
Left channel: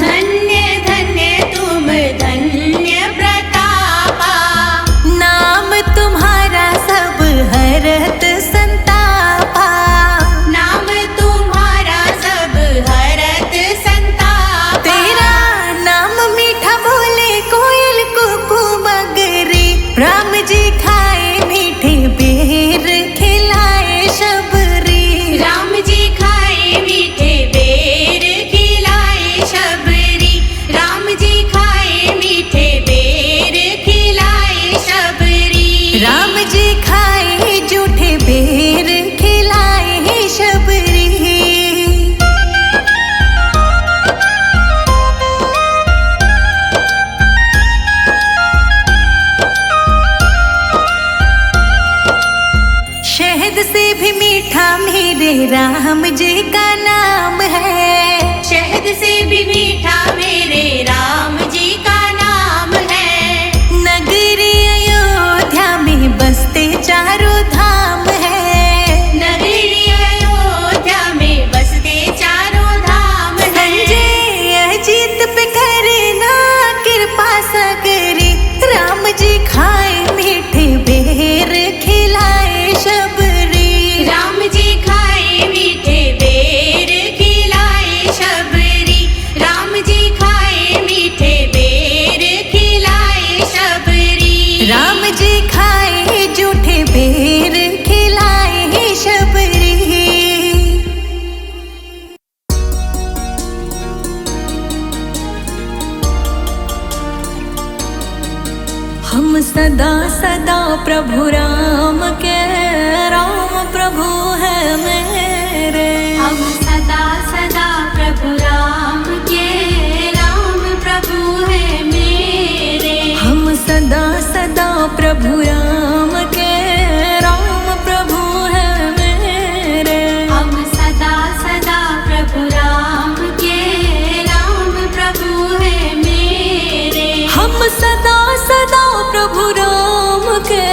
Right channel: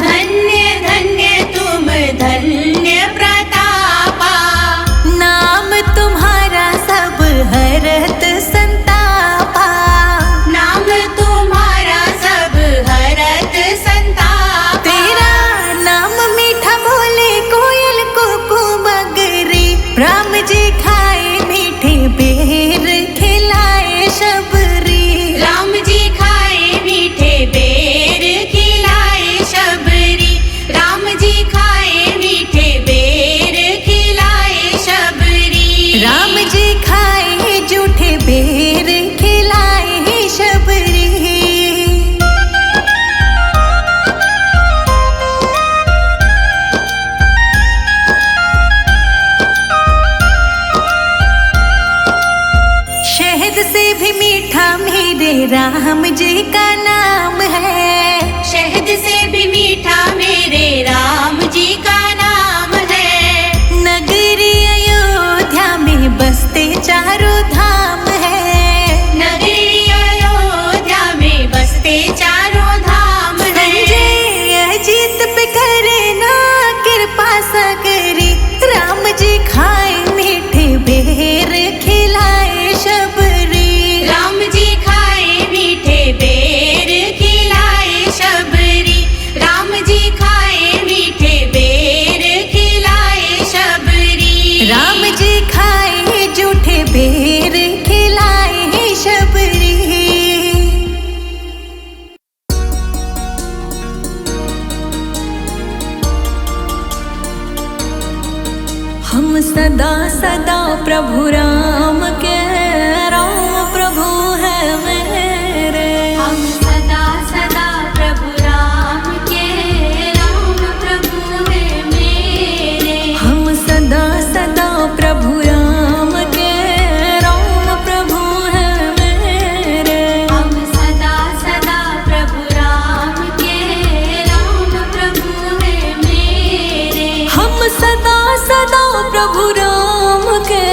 धन्य धन्य तुम धन्य प्रतापा। नाम तुम्हारा सब हरत संतापा। नाम तुम्हारा सब हरत संतापा। तेरा नाम मीठा बोले कोयल कुकू मगरी। राम जी खाए मीठे बेर, खिलाए शबरी। राम जी खाए मीठे बेर, खिलाए शबरी। राम जी खाए मीठे बेर, खिलाए शबरी। राम जी खाए जूठे बेर, खिलाए शबरी। शहद से भी मीठा मेरे राम जी का नाम है। शहद से भी मीठा मेरे राम जी का नाम है। नगरी अयोध्या में बसते चारों धाम है। नगरी अयोध्या में बसते चारों धाम है। संजय अजीत पे करे ना कृपा सगरी। राम जी खाए मीठे बेर, खिलाए शबरी। राम जी खाए मीठे बेर, खिलाए शबरी। राम जी खाए मीठे बेर, खिलाए शबरी। राम जी खाए जूठे बेर, हम सदा सदा प्रभु राम के, राम प्रभु है मेरे। हम सदा सदा प्रभु राम के, राम प्रभु है मेरे। हम सदा सदा प्रभु राम के, राम प्रभु है मेरे। हम सदा सदा प्रभु राम के, राम प्रभु है मेरे। हम सदा सदा प्रभु राम के,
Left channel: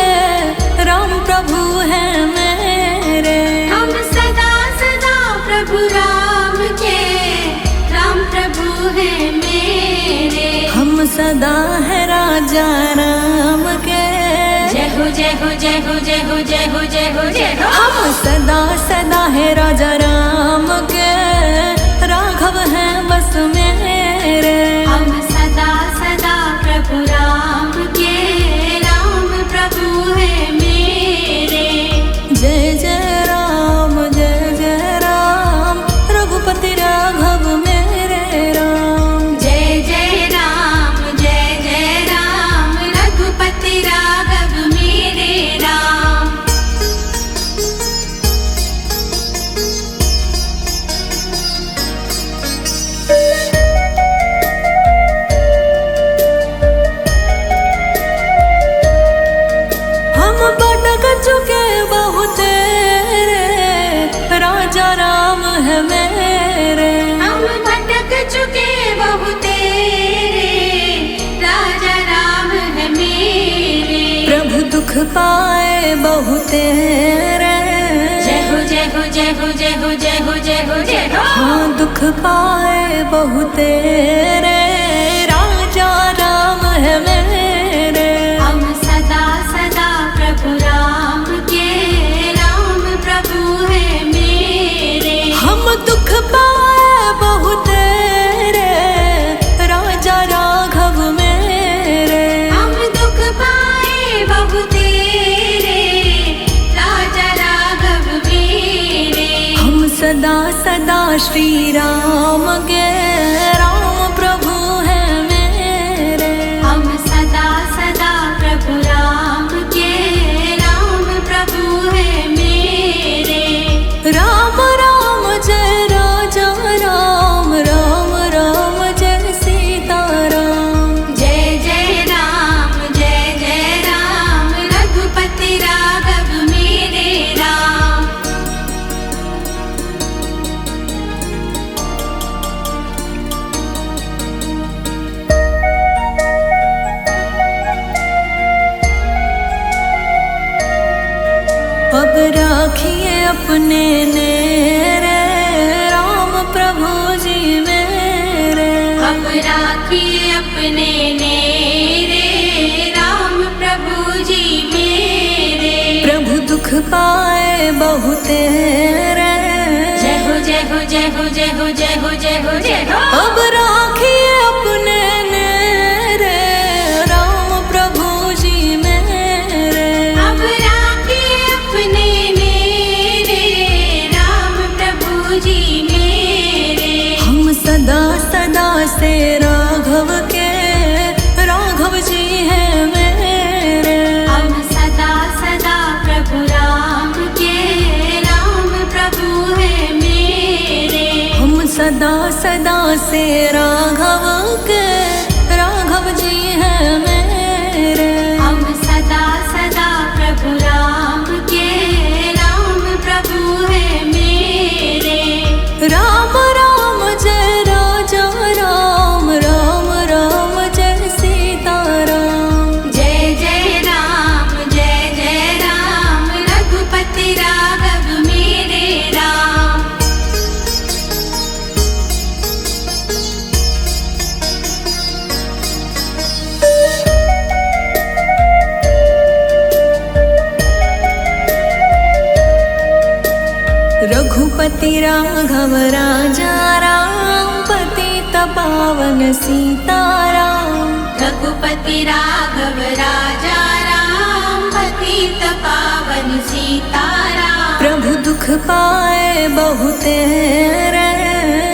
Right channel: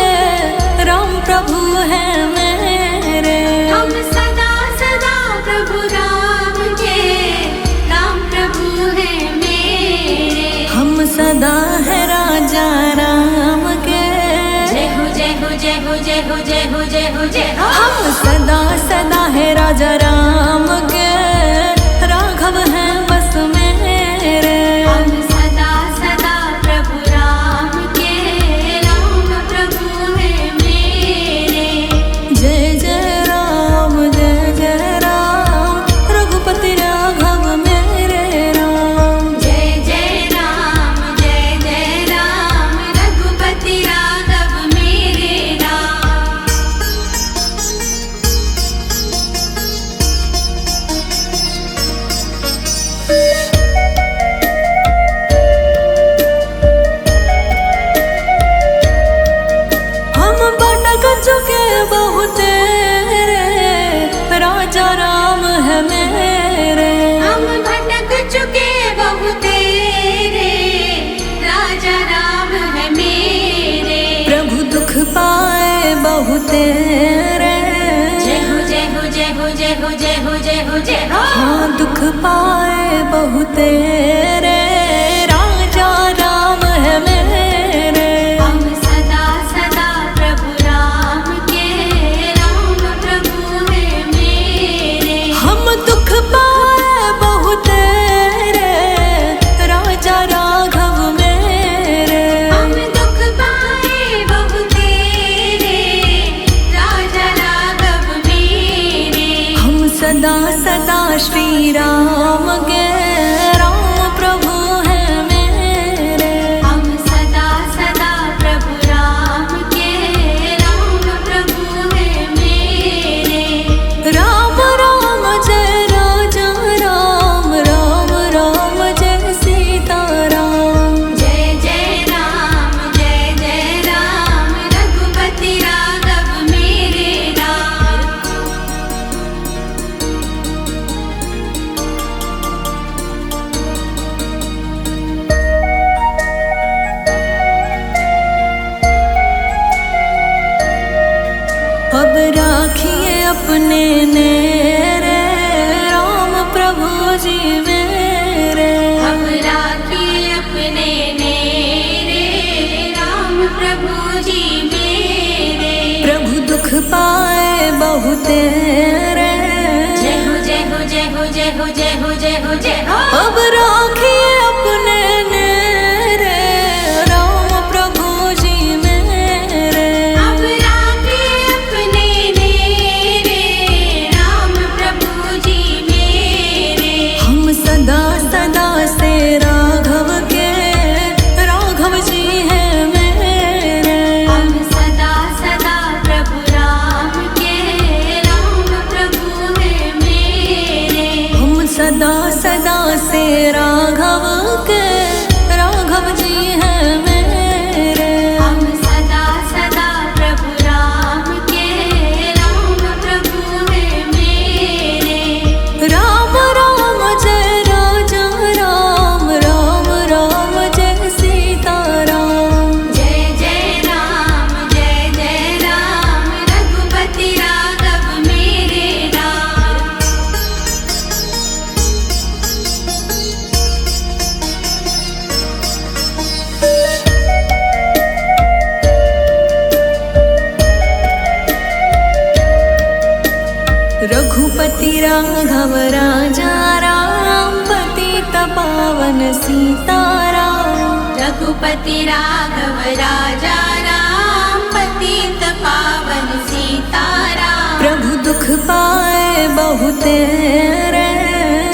राम प्रभु है मेरे। हम सदा सदा प्रभु राम के, राम प्रभु है मेरे। हम सदा है राजा राम के, जय हो जय हो जय हो जय हो जय हो जय हो जय हो। हम सदा सदा है राजा राम के, राघव है बस मेरे। हम सदा सदा प्रभु राम के, राम प्रभु है मेरे। जय जय राम रघुपति राघव मेरे राम। जय जय राम रघुपति राघव मेरे राम। हम भटक चुके बहुत रे, राजा राम है मेरे। हम भटक चुके बहुत रे, राजा राम है मेरे। प्रभु दुख पाए बहुत रे, जय हो जय हो जय हो जय हो जय हो जय हो जय हो। हाँ दुख पाए बहुत रे, राजा राम है मेरे। हम सदा सदा प्रभु राम के, राम प्रभु है मेरे। हम दुख पाए बहुत रे, राजा राघव मेरे। हम दुख पाए बहुत रे, राजा राघव मेरे। हम सदा सदा श्री राम के, राम प्रभु है मेरे। हम सदा सदा प्रभु राम के, राम प्रभु है मेरे। राम राम जय राजा राम, राम राम जय सीता राम। जय जय राम रघुपति राघव मेरे राम। अब राखिए अपने नेरे, राम प्रभु जी मेरे। अब राखिए अपने नेरे, राम प्रभु जी मेरे। प्रभु दुख पाए बहुत रे, जय हो जय हो जय हो जय हो जय हो जय हो जय हो। अब राखिए अपने नेरे, राम प्रभु जी मेरे। अब राखिए अपने नेरे, राम प्रभु जी मेरे। हम सदा सदा से राघव के, राघव जी है मेरे। हम सदा सदा प्रभु राम के, राम प्रभु है मेरे। हम सदा सदा से राघव के, राघव जी है मेरे। हम सदा सदा प्रभु राम के, राम प्रभु है मेरे। राम राम जय राजा राम, राम राम जय सीता राम। जय जय राम रघुपति राघव मेरे राम। रघुपति राघव राजा राम, पतित पावन सीताराम। रघुपति राघव राजा राम, पतित पावन सीताराम। प्रभु दुख पाए बहुत रे,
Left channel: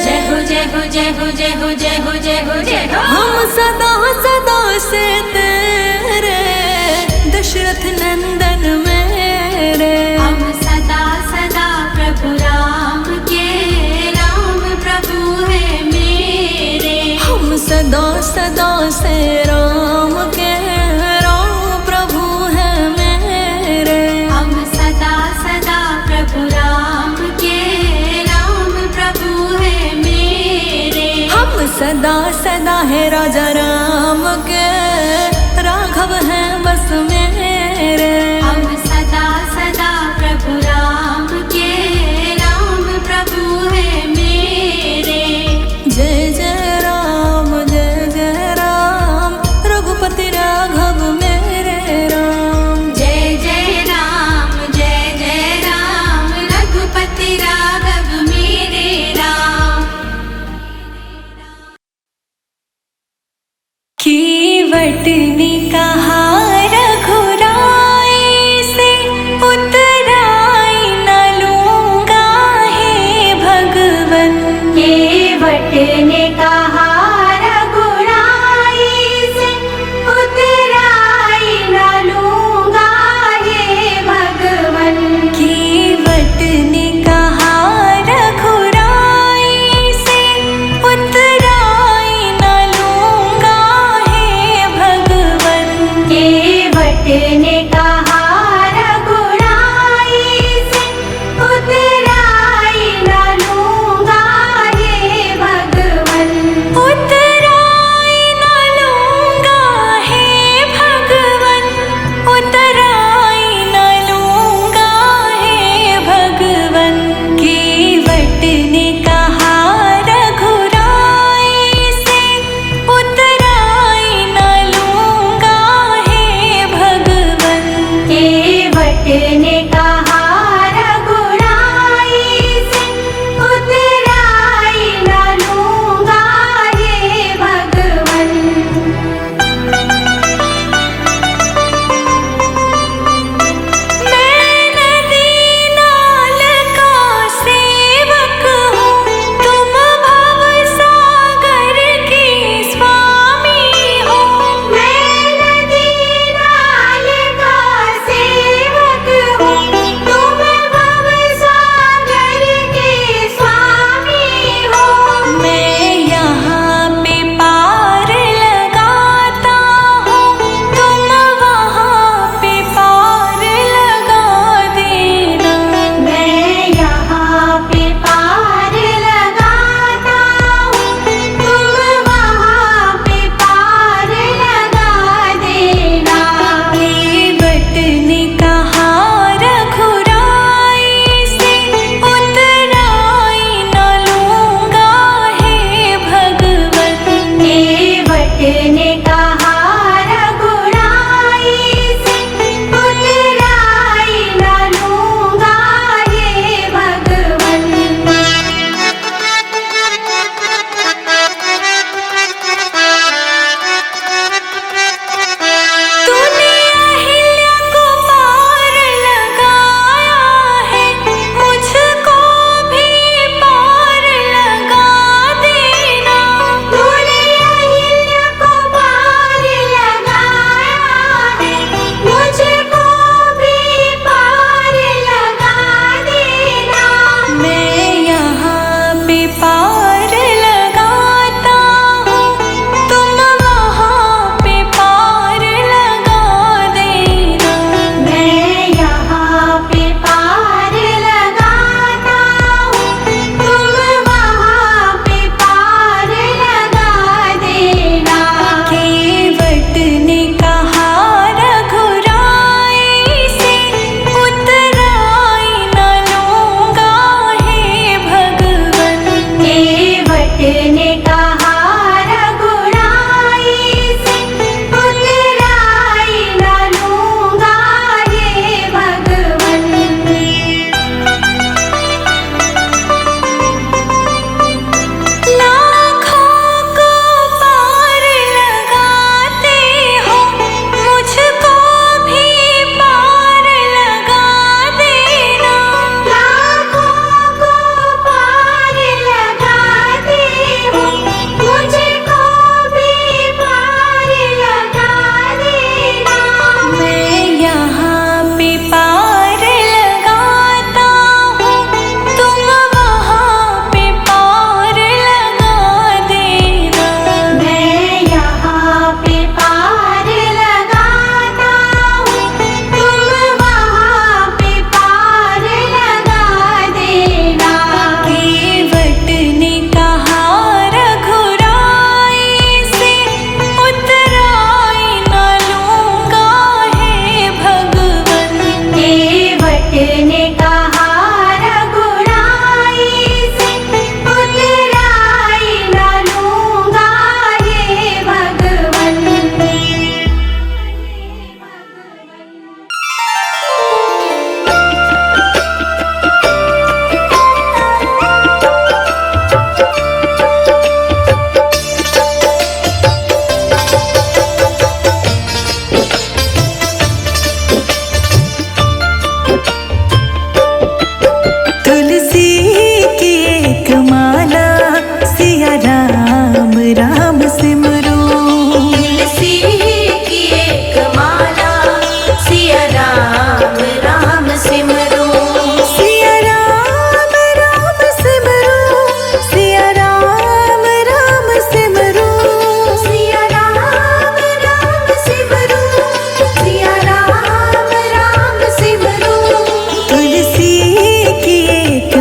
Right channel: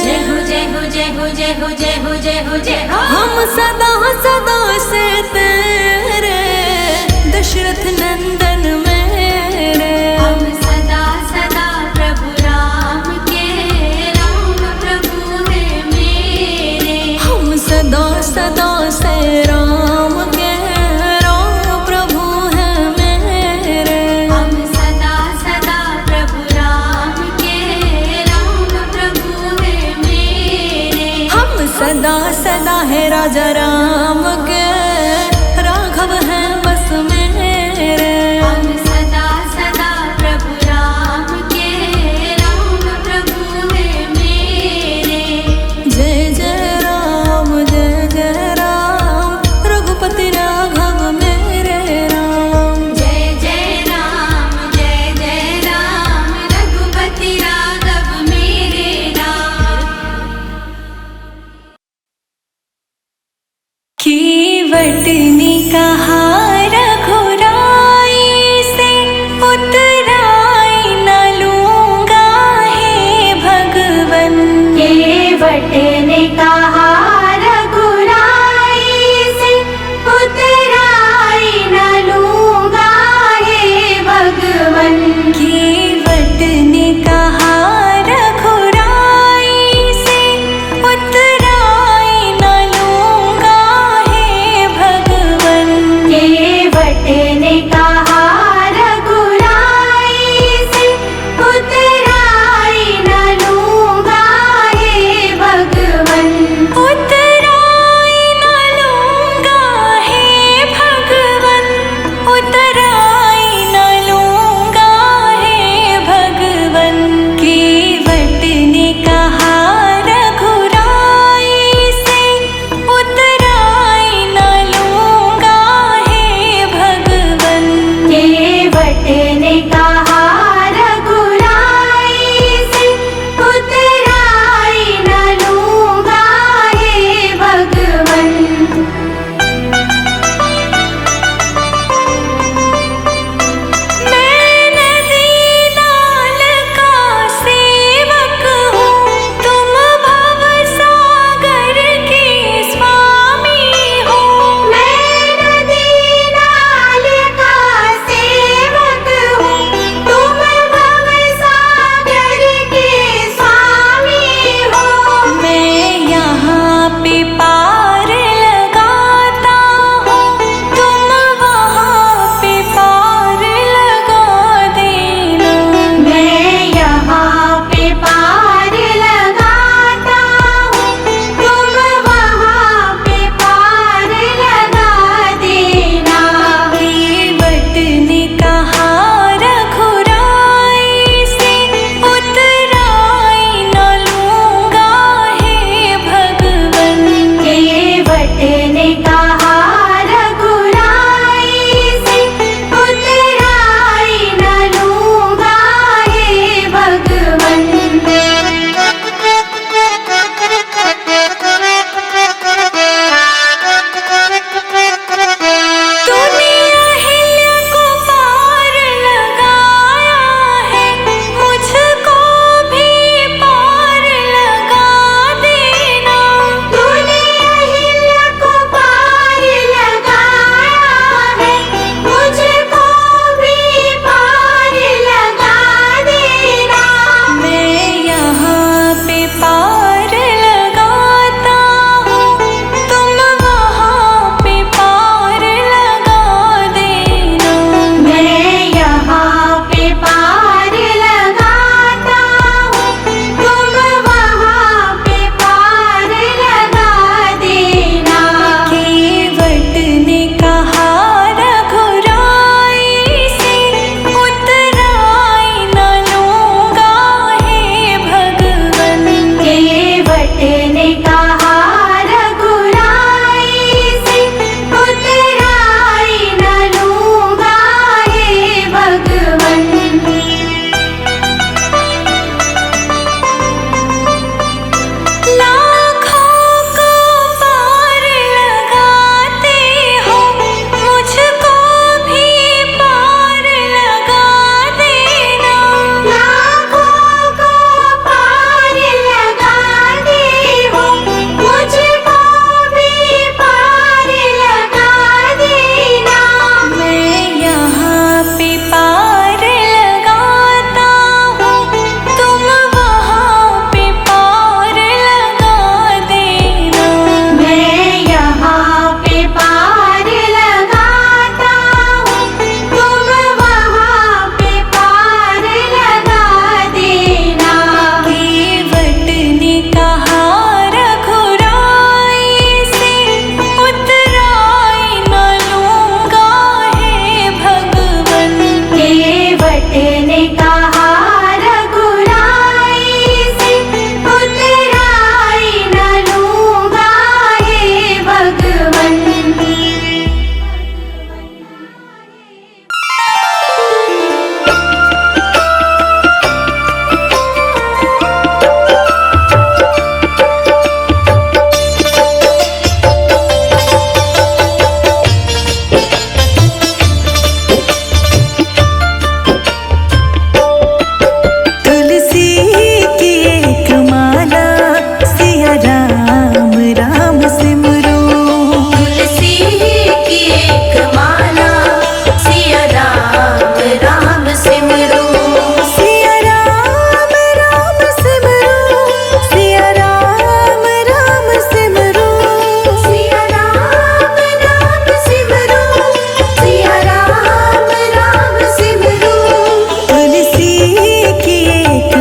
जय हो जय हो जय हो जय हो जय हो जय हो जय हो। हम सदा सदा से तेरे, दशरथ नंदन मेरे। हम सदा सदा प्रभु राम के, राम प्रभु है मेरे। हम सदा सदा से राम के, राम प्रभु है मेरे। हम सदा सदा प्रभु राम के, राम प्रभु है मेरे। हम सदा सदा है राजा राम के, राघव है बस मेरे। हम सदा सदा प्रभु राम के, राम प्रभु है मेरे। जय जय राम रघुपति राघव मेरे राम। जय जय राम रघुपति राघव मेरे राम। कीवटनी कहा रघुराई से, उतराई न लूंगा हे भगवन। केवट ने कहा रघुराई से, उतराई न लूंगा हे भगवन। केवट ने कहा रघुराई से, उतराई न लूंगा हे भगवन। केवट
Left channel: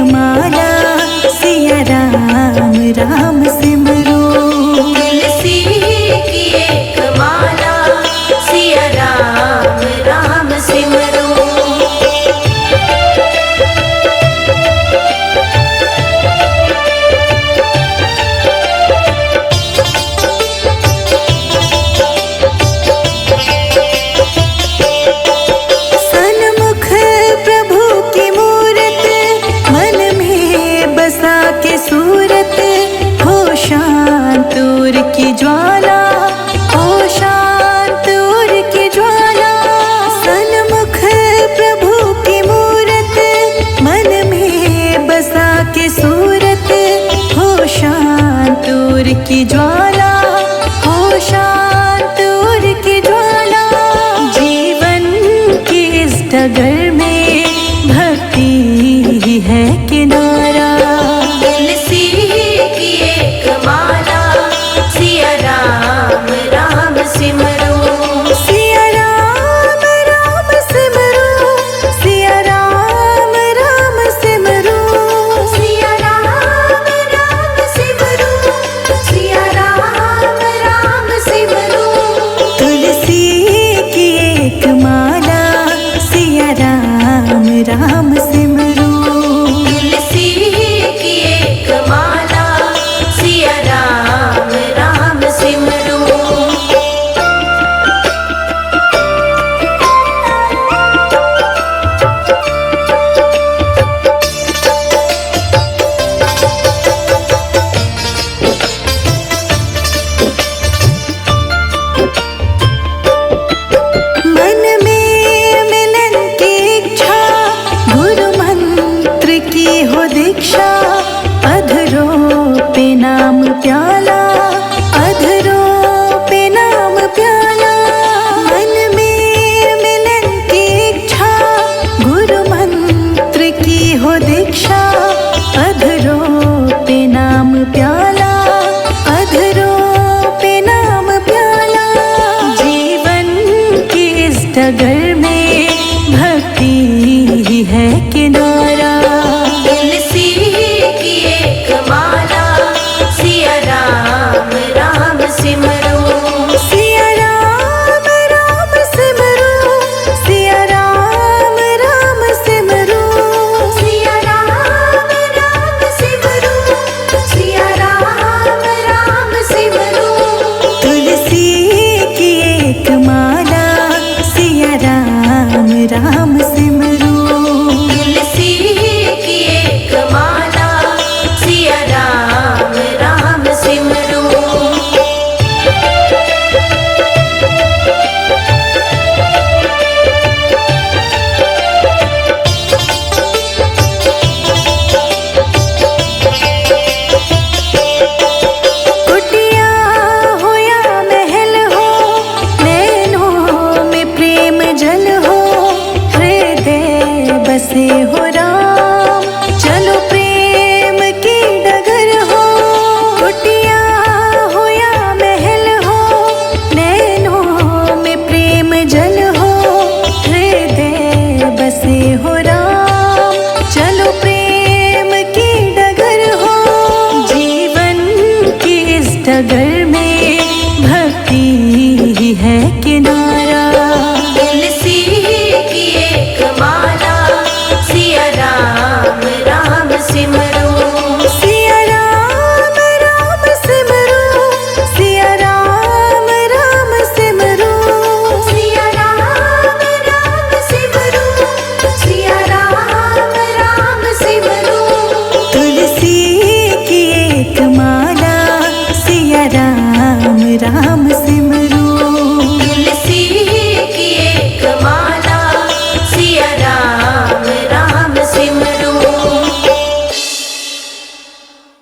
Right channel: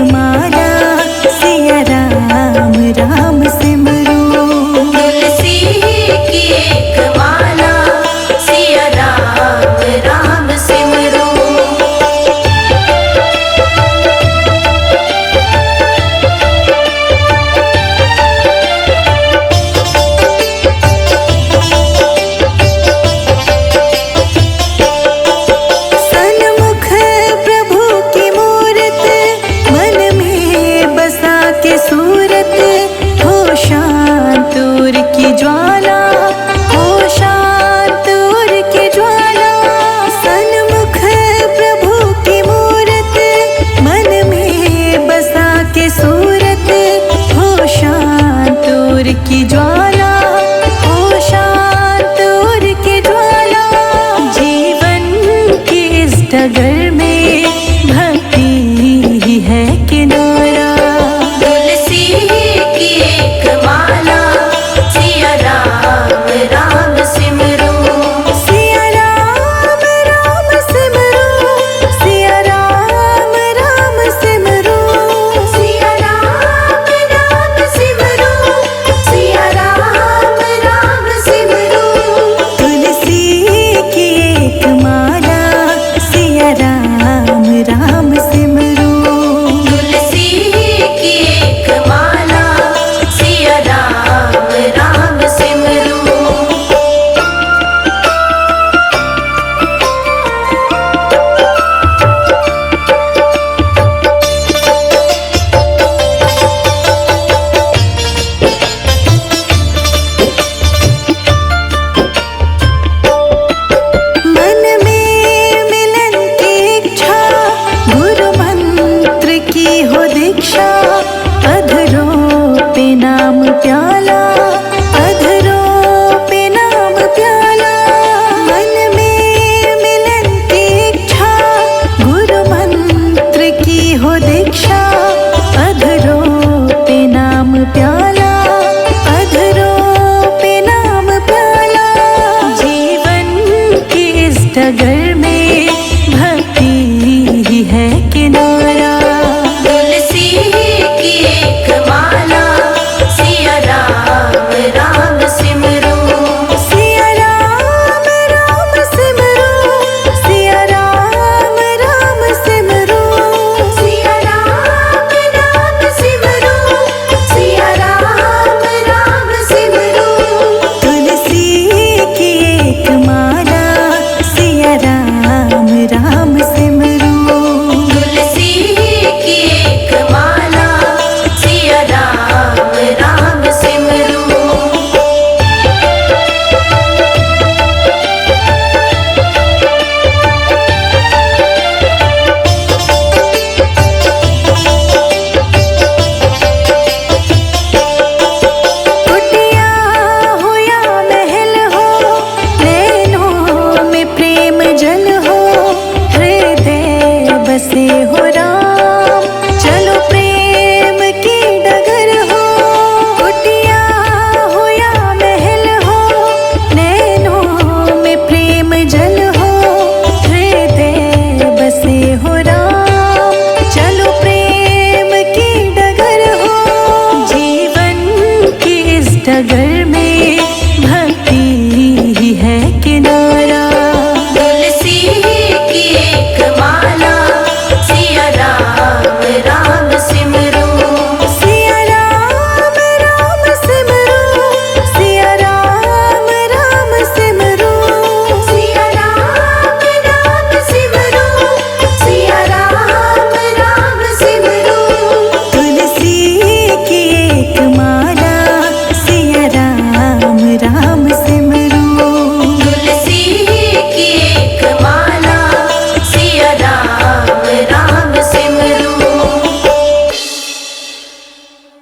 माला सिया राम राम सिमरू। तुलसी की एक माला सिया राम राम सिमरू। सन्मुख प्रभु की मूरत मन में बसा के सूरत, हो शांत उर की ज्वाला, हो शांत उर की ज्वाला। सन्मुख प्रभु की मूरत मन में बसा के सूरत, हो शांत उर की ज्वाला, हो शांत उर की ज्वाला। जीवन की इस डगर में भक्ति ही है किनारा। तुलसी की एक माला सिया राम राम सिमरू। सिया राम राम सिमरू, सिया राम राम सिमरू। सिया राम राम सिमरू, सिया राम राम सिमरू। तुलसी की एक माला सिया राम राम सिमरू। तुलसी की एक माला सिया राम राम सिमरू। मन में मिलन की इच्छा, गुरु मंत्र की हो दीक्षा। अधरों पे नाम प्याला, अधरों पे नाम प्याला। मन में मिलन की इच्छा, गुरु मंत्र की हो दीक्षा। अधरों पे नाम प्याला, अधरों पे नाम प्याला। जीवन की इस डगर में भक्ति ही है किनारा। तुलसी की एक माला सिया राम राम सिमरू। सिया राम राम सिमरू, सिया राम राम सिमरू। सिया राम राम सिमरू, सिया राम राम सिमरू। तुलसी की एक माला सिया राम राम सिमरू। तुलसी की एक माला सिया राम राम सिमरू। कुटिया हो या महल हो, नैनों में प्रेम जल हो। हृदय बसे हो राम, चलो प्रेम की डगर हो। कुटिया हो या महल हो, नैनों में प्रेम जल हो। हृदय बसे हो राम, चलो प्रेम की डगर हो। जीवन की इस डगर में भक्ति ही है किनारा। तुलसी की एक माला सिया राम राम सिमरू। सिया राम राम सिमरू, सिया राम राम सिमरू। सिया राम राम सिमरू, सिया राम राम सिमरू। तुलसी की एक माला सिया राम राम